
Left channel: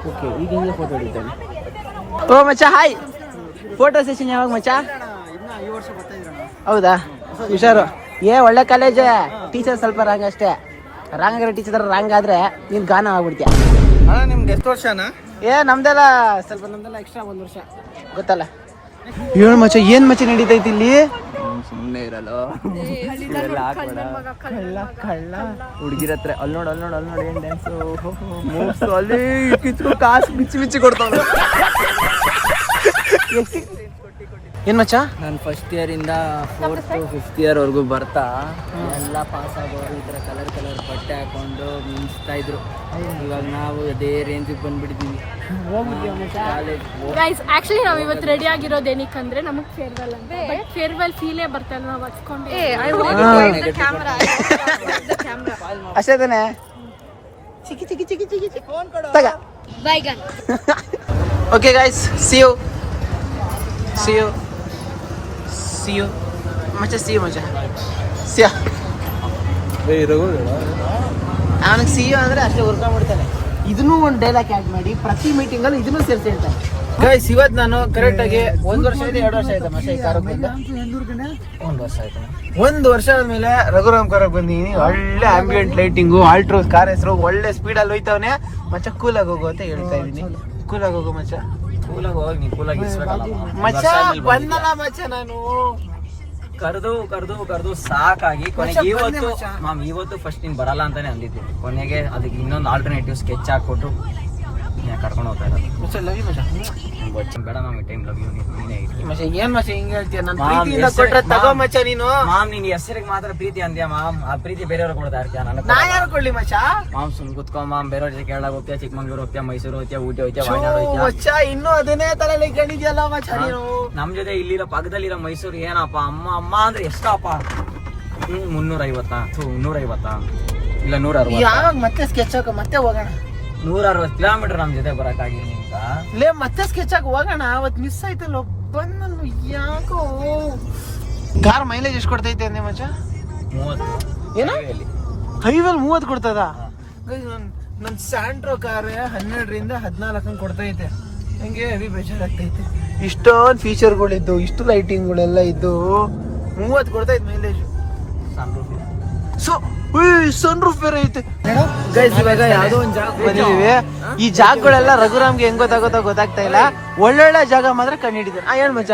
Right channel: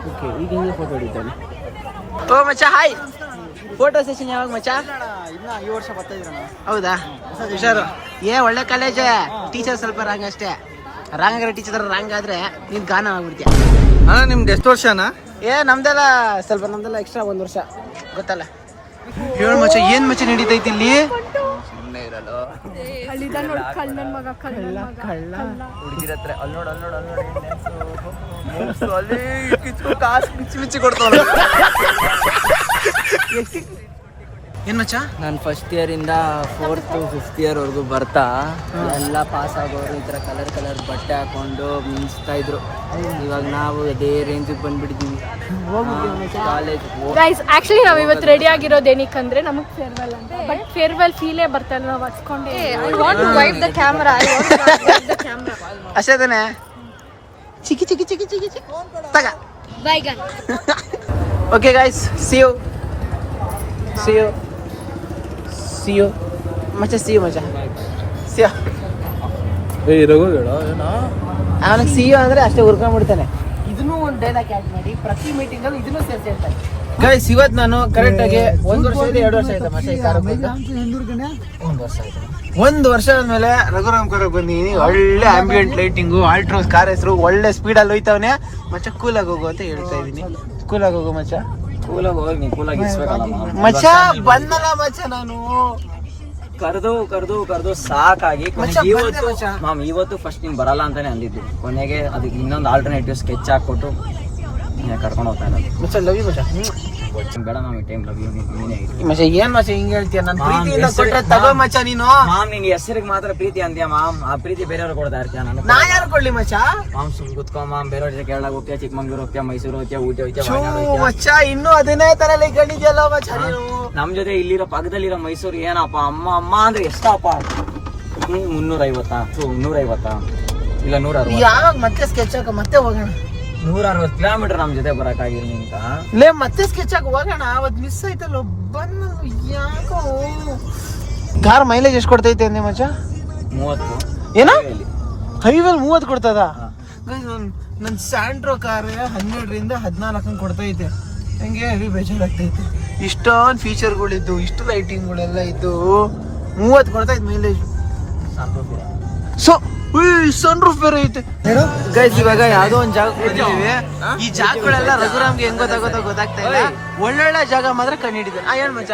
ಓಕೆ ಈಗ ಹೆಂಗೆ ಫೋಟೋ ಹಿಡಿತಾನೆ. ಓ ಮಚ್ಚ ಹಾಯ್. ಫೋಟೋ ಸೆಷನ್ ಯಾವಾಗ ಮಚ್ಚ? ಇನ್ನ ಈ ವರ್ಷ ಬರ್ತಾ ಇದ್ರಣ. ಹೌದಾ? ಹುಷಾರು. ಒಳ್ಳೆ ಕಾಲೇಜ್. ಟೀಚರ್ ಸ್ವಲ್ಪ ರಾಂಗ್ ಅಷ್ಟೇ. ರಾಂಗ್ ಆಗಿರೋ ಟೀಚರ್ ರಾಂಗ್ ಆದ್ರೆ ನೀನ್ ಗಾನ ಆಗ್ಬಿಡ್ತೀಯ. ನಿಮ್ದು ಎಷ್ಟು ವರ್ಷನಾ? ನಮ್ದೆಲ್ಲ ಎಕ್ಸ್ಟ್ರಾ 1 ವರ್ಷ ಗೊತ್ತಲ್ಲ. ಏನ್ ಮಚ್ಚ ನಡೀತೈತಿ ಇಲ್ಲಿ? ಕಳ್ಳ ಹುಡುಗಿರ ಹತ್ರ ಅಲ್ಲಿ ನೋಡಿ ಏನ್ ಡ್ಯಾನ್ಸ್ ಅಲ್ಲಿ ಕಿಚ್ಚು ಕಾಸು ಬಿಚ್ಚಿ ಕೊಡ್ತಾವ. ಏನ್ ಮಚ್ಚ? ನಾನು ಫಸ್ಟ್ ಇಯರ್ ಇಂದ 4th 5th ಇಯರ್ ವರ್ಗು ಬರ್ತಾ ಎಲ್ಲ ಪಾಸ್ ಆಗೋರು ಈ ತರ ಕಲರ್ ಬಟ್ಟೆ ಹಾಕೊಂಡು ಮಿಂಚ್ತಾ ಇದ್ರು. ಇವಾಗ ನಾವು ಅದೇ ರೇಂಜ್ ಬಂದ್ಬಿಟ್ಟಿದೀವಿ ಕಾಲೇಜ್. ಗೈಸ್ ಆಕ್ಚುಲಿ ನಾವು ಇವತ್ತು ರೆಡಿ ಆಗಿರೋದು ಏನಕ್ಕಂದ್ರೆ ನಮಗೆ ಫೇರ್ವೆಲ್ ಅಂತ. ಬಟ್ ಫೇರ್ವೆಲ್ ಫೀಲೇ ಬರ್ತಾ ಇಲ್ಲ, ನಾವು ಹಚ್ಕೊಂಡೆ. ಅಷ್ಟೇ ತಾನೆ. ಚಿಕ್ಕಿ ತಗ. ಬೈಗನ್. ಓಕೆ ಗೈಸ್, see you ಮಚ್ಚ. see you ಅವನಿಗೆ ಸಿ ಯು ಅಂದ್ರೆ ಅಷ್ಟೇ ಉರ್ಕೊಂಡ್ಬಿಡ್ತಾನೆ. ಇದನ್ನೂ ಒಂದು ಡೈಲಾಗ್ ಆ್ಯಡ್ ಮಾಡಿ ಪ್ರತಿ ಮೀಟಿಂಗ್ ಅಲ್ಲಿ ಇದನ್ನೂ ಸೇರಿಸಿ ಅಂತಾನೆ. ಗೈಸ್ ಇವತ್ತು ನಾನು ಕರೆಕ್ಟ್ ಆಗಿ 1 ವರ್ಷ ಇದೆ 2 ವರ್ಷ ಆಯ್ತಾ ಮಚ್ಚ ಈ ಕಾರ್ ಬಂದ? 1 ವರ್ಷ ಆಯ್ತು. 1 ವರ್ಷ ಆದ್ಮೇಲೆ ರಘುರಾಮ್ ಕಾರಕ್ಕೆ ಬಂದಿದ್ದೀನಿ. ಒಳ್ಳೆ ಆಂಬಿಯಂಟ್ ಲೈಟಿಂಗು, ಆಲ್ಟ್ರೋಸ್ ಕಾರ್ ಹೆಸರು, ಒಳ್ಳೆ ಸ್ಪೀಡಲ್ಲಿ ಹೋಯ್ತವನೆ ಮಚ್ಚ. ಕೂಲಾಗಿ ಹೋಗು ಅಂತ ಹೇಳ್ತಾ ಇದ್ದೀನಿ. ಕೂಲಾಗಿ ಹೋಗು ಮಚ್ಚ. ಕೂಲಾಗಿ ಹೋಗಿ ನೀ ಕೂಲಾಗಿ ಇಸ್ಬೇಕಲ್ಲ ಮಚ್ಚ. ಬಂದಲ್ಲ ಮಚ್ಚ, ನಾನು ಕರೆದು ಸಾಕಾಗಿ ಇವತ್ತು ಫಸ್ಟ್ ನೀನ್ ಬರಲ್ಲ ಅಂತಾನೆ ಅಂದಿದ್ದು. ಕೊನೆಗೆ ಅದಕ್ಕೆ ಇನ್ನೊಂದು ಆಲ್ಟರ್ನೇಟಿವ್ ಸ್ಕೆಚ್ ಹಾಕೊಟ್ಟು ಕರ್ಕೊಂಡು ಹೋಗ್ತಾ ಇರೋದು ಮಚ್ಚ ಲವ್ ಯು ಮಚ್ಚ. ಬೇಡ ಮಾಮ್ ಟೈಮ್ ಲವ್ ಯು ನೀನೇ ಇಟ್ಟು ಮಚ್ಚ ಏನ್ ಮಚ್ಚ ಹಿಂಗ್ ಹೇಳ್ತೀಯ? ನನ್ ಪ್ರೀತಿಯಿಂದ ಕೊಟ್ರೆ ತಗೋ ಮಚ್ಚ ನೀನು. ಮಾಮ್ ನಿಂಗೆ ಹೆಸರಿಗೆ ಮಾತ್ರ ಪ್ರೀತಿ ಅಂದ್ಯಾ ಮಾಮ್, ಆ ಪ್ರೀತಿ ಬೇರೆಯವ್ರು ಕೊಡ್ತಾ ಇರ್ತೀಯ ನಾನು. ನಾ ಯಾರು ಕೊಡ್ಲಿ ಮಚ್ಚ? ಮಾಮ್ ಸುಮ್ ಕುತ್ಕೊ ಮಾಮ್, ಬೇರೆಯವ್ರ ಜೊತೆ ಕೇರಳ ಹೋಗ್ತೀಯ, ಚಿಕ್ಕಮಂಗ್ಳೂರ್ ಹೋಗ್ತೀಯ, ಮೈಸೂರು ಹೋಗ್ತೀಯ, ಊಟಿ ಹೋಗ್ತೀಯ, ಛೂ, ವಯನಾಡ್ ಹೋಗ್ತೀಯ. ಮಚ್ಚ ಇನ್ನೂ ಅದನ್ನೇ ತರ ಕಂಡಿದ್ಯಲ್ಲ ಮಚ್ಚ ನೀನು. ನಮ್ ಜೊತೆ ಇಲ್ಲಿರೋ ಪಕ್ಕದಲ್ಲಿರೋ ಮೈಸೂರು ಏನಪ್ಪ ಅಮ್ಮ ಅಮ್ಮ ಅಂದ್ರೆ ಎಷ್ಟಪ್ಪ? 350 150 ಇಲ್ಲ 160 ಯಾವಾಗ ಮತ್ತೆ ಸ್ಕೆಚ್ ಹಾಕ ಮತ್ತೆ ಹೋಗೋಣ. 160 ಕಿಲೋಮೀಟರ್ ನಮ್ ಜೊತೆ ಬರಕ್ಕಾಗಿಲ್ಲ ನಿಂತ. ಲೇ ಮತ್ತೆ ಸ್ಕೆಚ್ ಹಾಕ ಹೋಗೋಣ. ಅವತ್ ಮಿಸ್ ಆಯ್ತಲ್ಲ ಬಂದ ಯಾಕೋ. ಕಾರ್ ಮೈಲೇಜ್ ಎಷ್ಟು ಕೊಡ್ತೈತೆ ಅಂದೆ ಮಚ್ಚ? 30 ಏನ ಹೇಳಿ. ಹೈವೇಲ್ 30 ಕೊಡ್ತದ? ನನ್ ಸ್ಯಾಂಟ್ರೋ ಕಾರ್ 12ರಿಂದ 14 ಕೊಡ್ತೈತೆ. ಹಂಗೆ ಹೆವಿ ಬೇಜಾರಾಗ್ತೈತೆ. ಇಷ್ಟೊಂದು ಫೀಚರ್ಗಳಿದ್ದು, ಇಷ್ಟು ಲೈಟಿಂಗ್ಗಳೆಲ್ಲ ಇದ್ದು 30 ಕೊಡ್ತೈತೆ ಮೈಲೇಜ್. ಸೊ ಸನ್ ರೂಫ್ ಬೇರೆ ಐತೆ ಗೈಸ್. ಇವಾಗ ಯಾವ್ದೋ ಒಂದ್ ಜಾಗ ಬಂದಿದೀವಿ. ಈ ಜಾಗಗಳೆಲ್ಲ ರಘುರಾಮ್ಗೆ ಹೆಂಗ್ ಗೊತ್ತಾಗ್ತಾ ಇಲ್ಲ. ಒಳ್ಳೊಳ್ಳೆ ಜಾಗ ಮಾತ್ರ ಕಂಡಿಡಿದಾನೆ. ಹೇಳ್ ಮಚ್ಚ.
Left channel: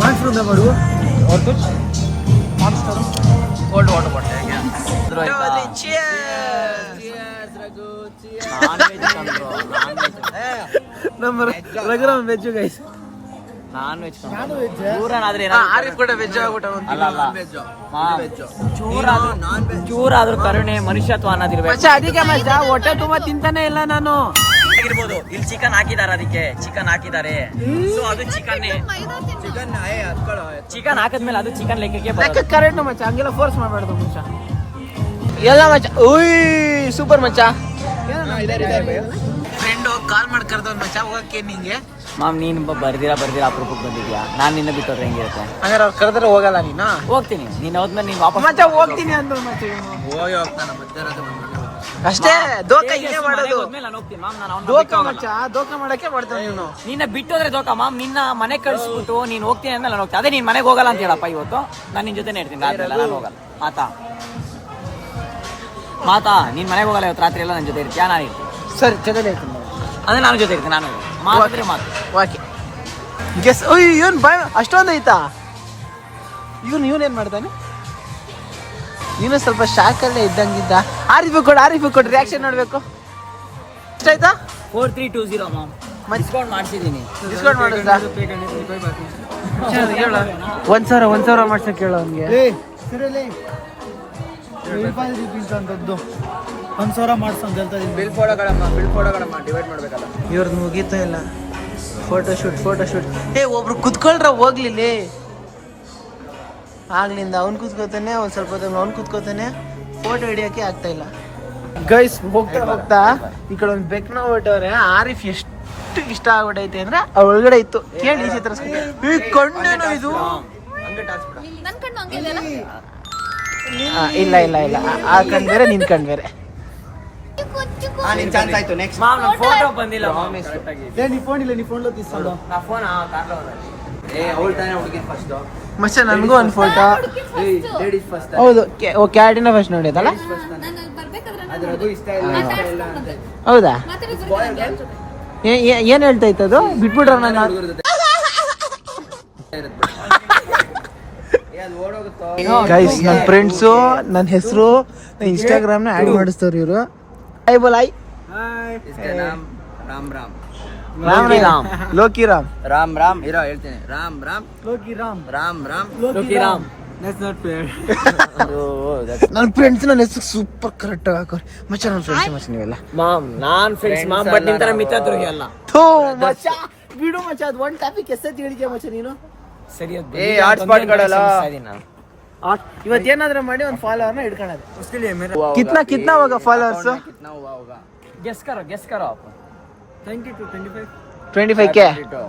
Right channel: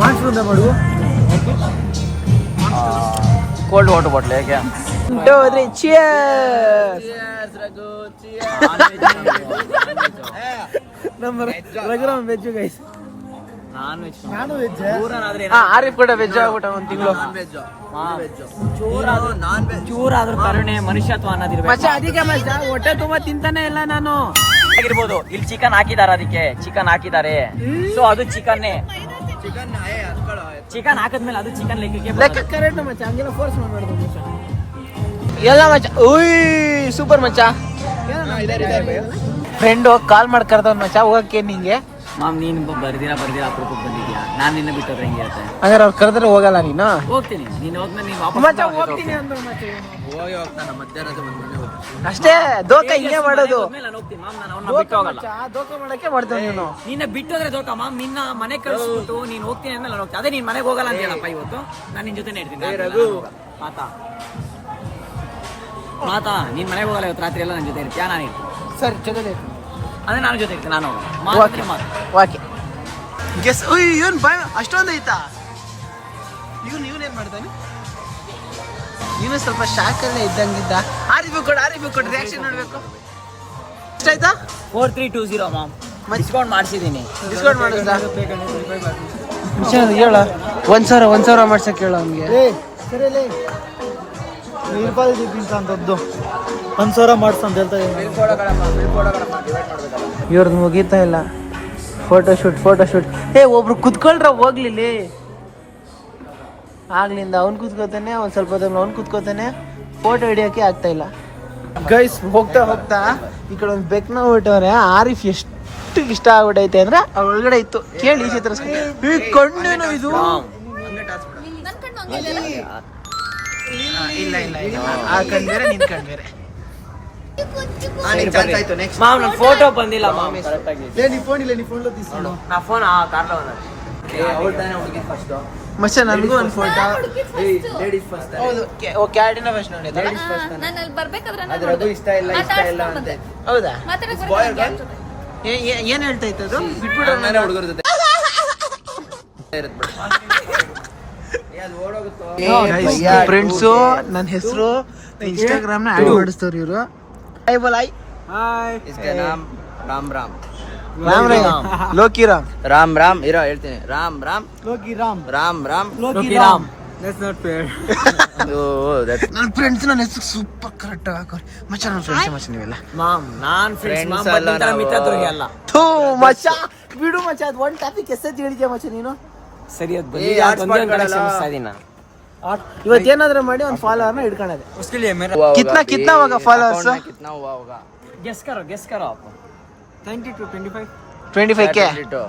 ಮಾನ್ಸ್ರಿಂದ ಮಾಡು. ಕೋಲ್ಡ್ ವಾಟರ್ ಬಾಟ್ಲ್ ನಮ್ಮ Raghuram veg guys. Non veg. ನಾನು ವೆಜ್. ಆರಿಫ್ ಕೂಡ ವೆಜ್ ಆಗ್ಬಿಟ್ಟ ಒಂದ್ ತಿಂಗಳು. ಚೂರಾದ್ರೂ ಕರುಣೆ ಮನುಷ್ಯತ್ವ ಅನ್ನೋದಿರ್ಬೇಕು. ಮಚ್ಚ ಅದಕ್ಕೆ ಮಚ್ಚ ಹೊಟ್ಟೆ ತುಂಬಾ ತಿಂತಾನೆ ಇಲ್ಲ ನಾನು. ಆಗಿರ್ಬೋದು. ಇಲ್ಲಿ ಚಿಕನ್ ಹಾಕಿದಾರೆ, ಅದಕ್ಕೆ ಚಿಕನ್ ಹಾಕಿದ್ದಾರೆ. ಸೊ ಅದು ಚಿಕನ್ ಹಾಕಿದ್ಮೇಲೆ ಅದು ಚಿಕನ್ ಲೆಕ್ಕಕ್ಕೆ ಕರೆಕ್ಟ್ ಮಚ್ಚ. ಹಂಗೆಲ್ಲ ಫೋರ್ಸ್ ಮಾಡ್ಬಾರ್ದು ಮಚ್ಚ. ಎಲ್ಲ ಮಚ್ಚ. ಉಯ್ ಸೂಪರ್ ಮಚ್ಚ. ಫ್ರೆಂಡು ಕಾಲ್ ಮಾಡಿ ಕರ್ದವ್ ಮಚ್ಚ ಹೋಗಕ್ಕೆ. ನಿಂಗೆ ಮಾಮ್ ನೀನ್ ಬರ್ದಿರಾ ಅಪರೂಪಕ್ಕೆ ಬಂದಿದ್ಯಾ? ನಾನ್ ನಿನ್ನ ಬಿಟ್ಟವ್ರೆ ಹೆಂಗಿರುತ್ತೆ? ಹಂಗಾರೆ ಅವ್ರು ಕರೆದ್ರೆ ಹೋಗಲ್ಲ ನೀನು? ಹೋಗ್ತೀನಿ. ನೀನ್ ಹೋದ್ಮೇಲೆ ನೀನ್ ವಾಪಸ್ ಮಚ್ಚ ಹೋಗ್ತೀನಿ ಅಂದ್ರು ಮಚ್ಚ. ಅಷ್ಟೇ ದೋಖ ಹಿಂಗೆ ಮಾಡೋದು. ನಾನು ಹೋಗ್ತೀನಿ ಮಾಮ್. ನಾನು ಅವ್ನ ದೋಖ ಮಚ್ಚ ದೋಖ ಮಾಡಕ್ಕೆ ಮಾಡ್ತಾವ ನೀನು. ನಿನ್ನ ಬಿಟ್ಟೋದ್ರೆ ದೋಖ ಮಾಮ್. ನಿನ್ನ ಮನೆ ಕಳ್ಸ್ಬಿಟ್ಟು ನೀನ್ ಹೋಗ್ತೀನಿ ಅಂದ್ರೆ ನಾನು ಹೋಗ್ತೀನಿ. ಅದೇ ನೀನ್ ಮನೆಗೆ ಹೋಗಲ್ಲ ಅಂತ ಹೇಳಪ್ಪ ಇವತ್ತು. ನಾನು ನಿನ್ ಜೊತೆನೇ ಇರ್ತೀನಿ. ನಾನು ಹೋಗಲ್ಲ. ಮಾತಾ ನೀನ್ ಮನೆಗೆ ಹೋಗಲ್ಲ ಇವತ್ತು ರಾತ್ರಿ ಎಲ್ಲ ನನ್ನ ಜೊತೆ ಇರ್ತೀಯಾ? ನಾನು ಇರ್ತೀನಿ. ಸರಿ ಜೊತೆಲೆ ಇರ್ತೀನಿ. ಅದೇ ನಾನು ಜೊತೆ ಇರ್ತೀನಿ. ನಾನು ಮಾತಾಡ್ರೆ ಮಾತು. Okay guess. ಇವನ್ ಬಾಯ್ ಅಷ್ಟೊಂದು ಐತಾ? ಇವನ್ ಏನ್ ಮಾಡ್ತಾನೆ? ಇವನು ಸ್ವಲ್ಪ ಶಾಕಲ್ಲೇ ಇದ್ದಂಗಿದ್ದ. ಆರಿಫ್ ಕೊಡು ರಿಯಾಕ್ಷನ್ ನೋಡ್ಬೇಕು. ಎಷ್ಟಾಯ್ತಾ? 4320 ಮಾಮ್. ಡಿಸ್ಕೌಂಟ್ ಮಾಡಿಸಿದೀನಿ. ಡಿಸ್ಕೌಂಟ್ ಮಾಡಿಸ್ದ? ಹೇಳ 1,000 ಮಾಡ್ಸಕ್ ಹೇಳ ಅವ್ನಿಗೆ. ಅಂತದ್ದು 1,000 ಮಾಡ್ಸಂತ ಹೇಳ್ತಾ ಇದ್ದೀನಿ. ಇವ್ರದ್ದು ಮುಗೀತಾ ಇಲ್ಲ. ಫೋಟೋಶೂಟ್. ಒಬ್ರು ಕುತ್ಕೊಳ್ರ ಹೋಗ್ಲಿಲ್ಲಿ. ಆಗ್ಲಿಂದ ಅವ್ನು ಕುತ್ಕೋತಾನೆ, ಒಂದ್ ಸ್ವಲ್ಪ ಹೊತ್ತಲ್ಲಿ ಅವ್ನು ಕುತ್ಕೋತಾನೆ. ಫೋಟೋ ಹಿಡಿಯೋಕೆ ಆಗ್ತಾ ಇಲ್ಲ ಗೈಸ್. ಹೋಗ್ತಾ ಈ ಕಡೆ ಒಂದು ಬೆಕ್ನ ಹೊರಟವ್ರೆ. ಆರಿಫ್ ಎಷ್ಟು ಇಷ್ಟ ಆಗ್ಬಿಟ್ಟೈತೆ ಅಂದ್ರೆ ಅವ್ರ ಒಳಗಡೆ ಇತ್ತು. ಕೇಳಿ ಚಿತ್ರ ಈ ಕಣ್ಣೇನು ಇದು? ಇಲ್ಲ ಆ ಕಣ್ ಬೇರೆ ನಿನ್ ಕಣ್ ಬೇರೆ. ಫೋಟೋ ಬಂದಿಲ್ಲ ಮಾಮ್. ನೀ ಫೋನ್ ತೀಸ್ಕೊಂಡು ನಾ ಫೋನ್ ಮಚ್ಚ ನನ್ಗೂ ಒಂದು ಫೋಟೋ. ಹೌದು ಕ್ಯಾಟಿನ ಫಸ್ಟ್ ನೋಡಿದಲ್ಲ. ಹೌದಾ? ಏನ್ ಹೇಳ್ತಾ ಇತ್ತು ಅದು? ಬಿಟ್ಬಿಟ್ರ ಫ್ರೆಂಡ್ಸು ನನ್ನ ಹೆಸರು ಇನ್ಸ್ಟಾಗ್ರಾಮ್ ನ ಆಡ್ ಮಾಡಿಸ್ತವ್ರು ಇವರು. I bowl I Ram Loki Ram Ram ಇರೋ ಹೇಳ್ತೀನಿ. ರಾಮ್ ಲೋಕಿ ರಾಮ್. ನನ್ನ ಫ್ರೆಂಡ್ಸ್ ನನ್ನ ಹೆಸರು ಸೂಪರ್ ಕರೆಕ್ಟ್ ಹಾಕೋರು ಮಚ್ಚ. ನನ್ನ ಫ್ರೆಂಡ್ಸ್ ಮಚ್ಚ ನೀವೆಲ್ಲ. ಮಾಮ್ ನಾನ್ ಫ್ರೆಂಡ್ಸ್ ಮಾಮ್, ಬಟ್ ನಿಂತರ ಮಿತ್ರತ್ವರಿಗೆ ಅಲ್ಲ. ಥೂ ಮಚ್ಚ ಬಿಡು ಮಚ್ಚ. ಅದು ಒಂದು ಟಾಪಿಕ್ ಎಷ್ಟೈತಿ ಹೇಳಿದ್ಯಾ ಮಚ್ಚ ನೀನು? ಸರಿ ಅದು ನಾನು ಇವತ್ತೇನಾದ್ರೂ ಮಾಡಿ ಒಂದು ಫಾಲೋವರ್ನ ಹಿಡ್ಕೊಳ್ಳೋದು. ಕಿತ್ನಾ ಹೋಗ ಫಾಲೋವರ್ಸ್? ಗೆಸ್ ಕರೋ 20 to 25. 25K.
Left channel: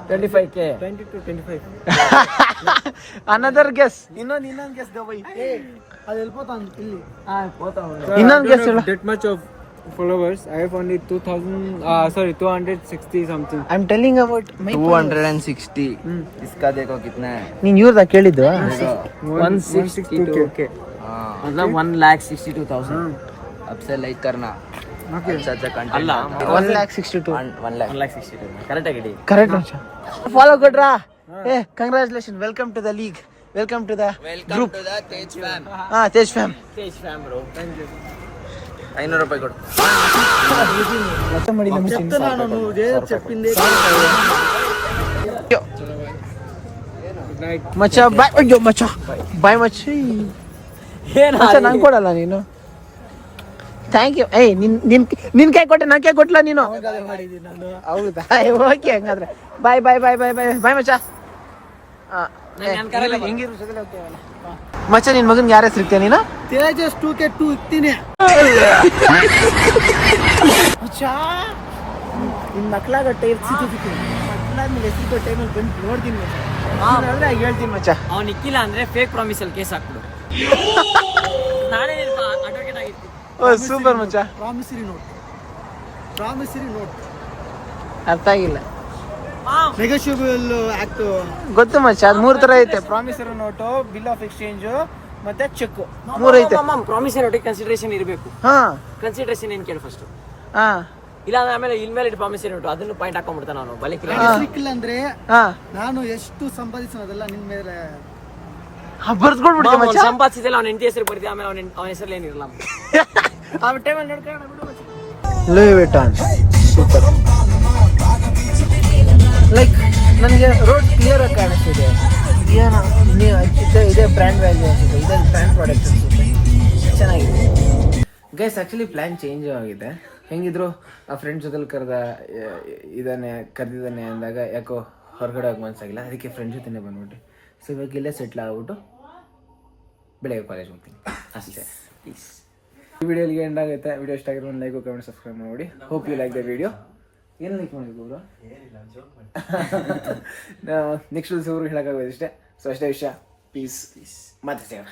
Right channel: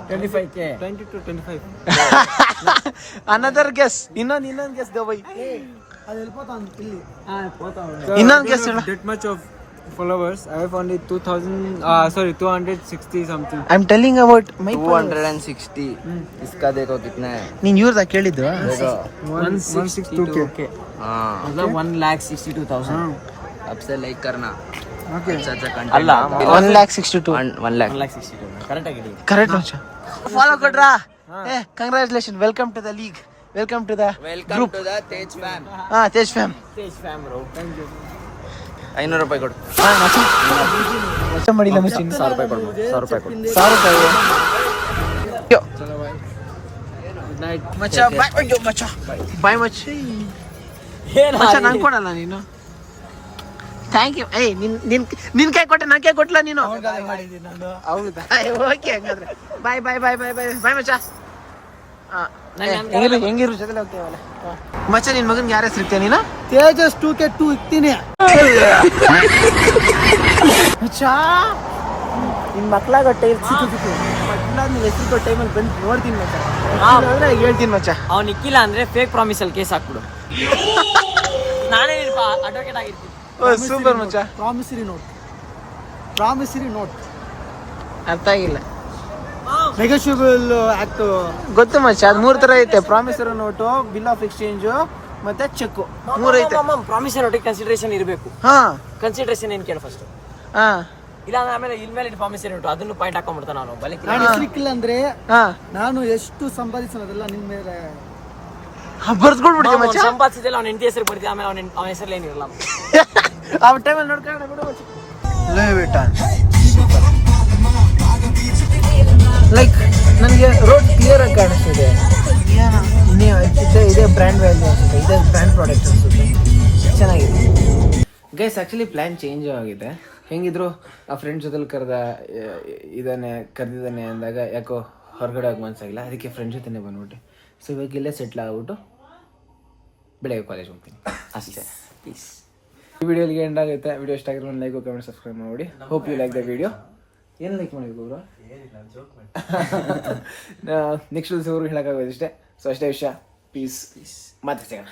25K. 20 to 25. Another guess. ಇನ್ನೊಂದು ಗೆಸ್ ಗಬೈ. ಅದು ಹೇಳ್ಬೋತಾನು ಇಲ್ಲಿ. ಇನ್ನೊಂದು ಗೆಸ್ ಹೇಳು. That much of followers. I have only 260 something. I'm telling about my followers. 260. इसका देखो कितना है. ನೀನ್ ಇವ್ರದಾ ಕೇಳಿದ್ದು? 162K. मतलब 1,62,000. अब से लाइक करना. अच्छा कंटेंट. 1,62,000. 1,62,000. ಕರೆಕ್ಟ್ ಆಗಿ ಕರೆಕ್ಟ್ ಮಚ್ಚ. ಫಾಲೋ ಕೊಡ್ರಾ? Congratulation. Welcome to the league. Welcome to the group. Tej fam. Tej fam. Tej fam bro. Thank you. 500 ರೂಪಾಯಿ ಕೊಡು. ಮಚ್ಚ ಮಾಡಿಲ್ಲ ಮಚ್ಚ ನಮಗೆ ಚೆಪ್ಪಿಂದೆ ಮಚ್ಚ ಬಾಯ್. ಅಯ್ಯೋ ಮಚ್ಚ ಬಾಯ್ ಮಚ್ಚಿ. ಮಚ್ಚ ನಂಗೆ ಕೊಡಲ್ಲ ನೀನು. Thank you. ಏಯ್ ನಿನ್ ಕೈ ಕೊಟ್ಟೆ ನನ್ ಕೈ ಕೊಟ್ಲ ನೀನು. ಹೌದಾ ಓಕೆ ಹಂಗಾದ್ರೆ ಬಾಯ್ ಬಾಯ್ ಬಾಯ್ ಬಾಯ್ ಬಾಯ್ ಬಾಯ್ ಮಚ್ಚ. ಹೆಂಗಿರು ಜೊತೆ ಹೋಗ್ತೇವಲ್ಲ ಮಚ್ಚ. ನಿನ್ ಮಗನ್ಗೆ ಯಾರ ಹೆಸರು ಇರ್ತೀಯ ನೀನು? ತೇಜಸ್ 2K2 ಇಕ್ತೀನಿ. ನಿನ್ ಮಕ್ಳಾಗ ಟೈಮ್ ಮಕ್ಳಾದ್ಮೇಲೆ ಹೆಸರು ಕೊಟ್ಟ ಟೈಮಲ್ಲಿ ಬಂದು ನೋಡ್ತೀನಿ ಮಚ್ಚ. ಅಂದ್ರೆ ಹೇಳ್ತೀನಿ ಮಚ್ಚ. ಅವ್ನು ಇಕ್ಕಿಲ್ಲ ಅಂದ್ರೆ ಫೇಕ್ ಪ್ರಾಮಿಸ್ ಅಲ್ಲಿ ಕೇಸ್ ಹಾಕ್ಬಿಡು. ನಾನೇ ಅಡ್ವೊಕೇಟ್ ಆಗಿರ್ತೀನಿ. ಸೂಪರ್ ಮಚ್ಚ. ಪ್ರಾಮಿಸರಿ ನೋಟ್ ಅರ್ಥ ಆಗಿಲ್ಲ. ನೆಗೋಷಿಯಬಲ್ ಆಕ್ಟ್ ಗೊತ್ತು ಮಚ್ಚ. ಅದ್ 3 ತರ ಐತೆ. Promissory note, bill of exchange ಮತ್ತೆ ಚೆಕ್ 3 ಐತೆ. ಪ್ರಾಮಿಸರಿ ನೋಟಿಗೆ ಕನ್ಸಿಡರೇಷನ್ ಇರಬೇಕು. ಹಾ ಕನ್ಸಿಡರೇಷನ್ ಏನ್ ಕೇಳ ಫಸ್ಟ್. ಹಾ ಇಲ್ಲ ಆಮೇಲೆ ಇಲ್ಮೇಲೆ ಪ್ರಾಮಿಸರಿ ನೋಟು ಅದನ್ನು ಪಾಯಿಂಟ್ ಹಾಕೊಂಡ್ಬಿಡ್ತಾನೆ ಅವನು ಬಲಿಕೆ. ಸಿಕ್ಕಿಲ್ಲ ಅಂದ್ರೆ ಹಾ ನಾನು ಎಷ್ಟು ಸಂಪಾದಿಸೋದೆಲ್ಲ ನಿನ್ ಮೇಲೆ ಬರ್ಸ್ಕೊಡ್ಬಿಡ್ತೀಯ ಮಚ್ಚ. ಸಂಪಾದಿಸಿದೆಲ್ಲ ಅವ್ನ ಹೆಂಡತಿ ಹೆಸರು ಬರ್ತೀವಿ. ಆಮೇಲೆ ಅವನ ಹೆಸರಲ್ಲಿ ಏನಿರಲ್ಲ. ಆ ಟೈಮಲ್ಲಿ ನೋಡ್ಕೊಂಡು ಲೂಯಿ ವಿಟಾನ್ ಸೂಪರ್. ಲೈಕ್ ನನಗೆ ರೋಡ್ ಕ್ಲಿಯರ್ ಆಗಿ ಕಾಣಿಸ್ತಿದೆ. ಇದೇ ಬ್ರ್ಯಾಂಡ್ ವ್ಯಾಲ್ಯೂ ಅನ್ಸುತ್ತೆ. ಇದೇ ಬ್ರ್ಯಾಂಡ್ ಪ್ರಾಡಕ್ಟ್ ಅನ್ಸುತ್ತೆ. ಚೆನ್ನಾಗಿದೆ ಗೈಸ್. ಆ್ಯಕ್ಚುಲಿ ಪ್ಲ್ಯಾನ್ ಚೇಂಜ್ ಆಗಿದೆ. ಹೆಂಗಿದ್ರು ಆ ಫ್ರೆಂಡ್ ಜೊತೆಲಿ ಕರೆದಿದ್ದಾನೆ ಅಂದಾಗ ಯಾಕೋ ಹೊರಗಡೆ ಹೋಗಿ ಮನ್ಸಾಗಿಲ್ಲ. ಅದಕ್ಕೆ ಫ್ರೆಂಡ್ ಜೊತೆನೇ ಬಂದ್ಬಿಟ್ಟು ಸೊ ಇವಾಗ ಇಲ್ಲೇ ಸೆಟ್ಲ್ ಆಗ್ಬಿಟ್ಟು ಬೆಳಗ್ಗೆ ಕಾಲೇಜ್ ಹೋಗ್ತೀನಿ ಅಷ್ಟೇ. ಈ ವಿಡಿಯೋಗೆ ಎಂಡ್ ಆಗುತ್ತೆ. ವಿಡಿಯೋ ಇಷ್ಟ ಆಗಿರೋ ಒಂದು ಲೈಕ್ ಕಮೆಂಟ್ ಸಬ್ಸ್ಕ್ರೈಬ್ ಮಾಡಿ. Hope you like the video. ಏನು ಲೈಕ್ ಮಾಡಿದ್ರು ಅವರು ನೆಕ್ಸ್ಟ್ ದಿವಸ ಅವರು ಹೇಳೋಕ್ಕಾಗೋದು ಇಷ್ಟೇ. ಸೊ ಅಷ್ಟೇ ವಿಷಯ. ಪೀಸ್ ಮತ್ತೆ ಸಿಗೋಣ.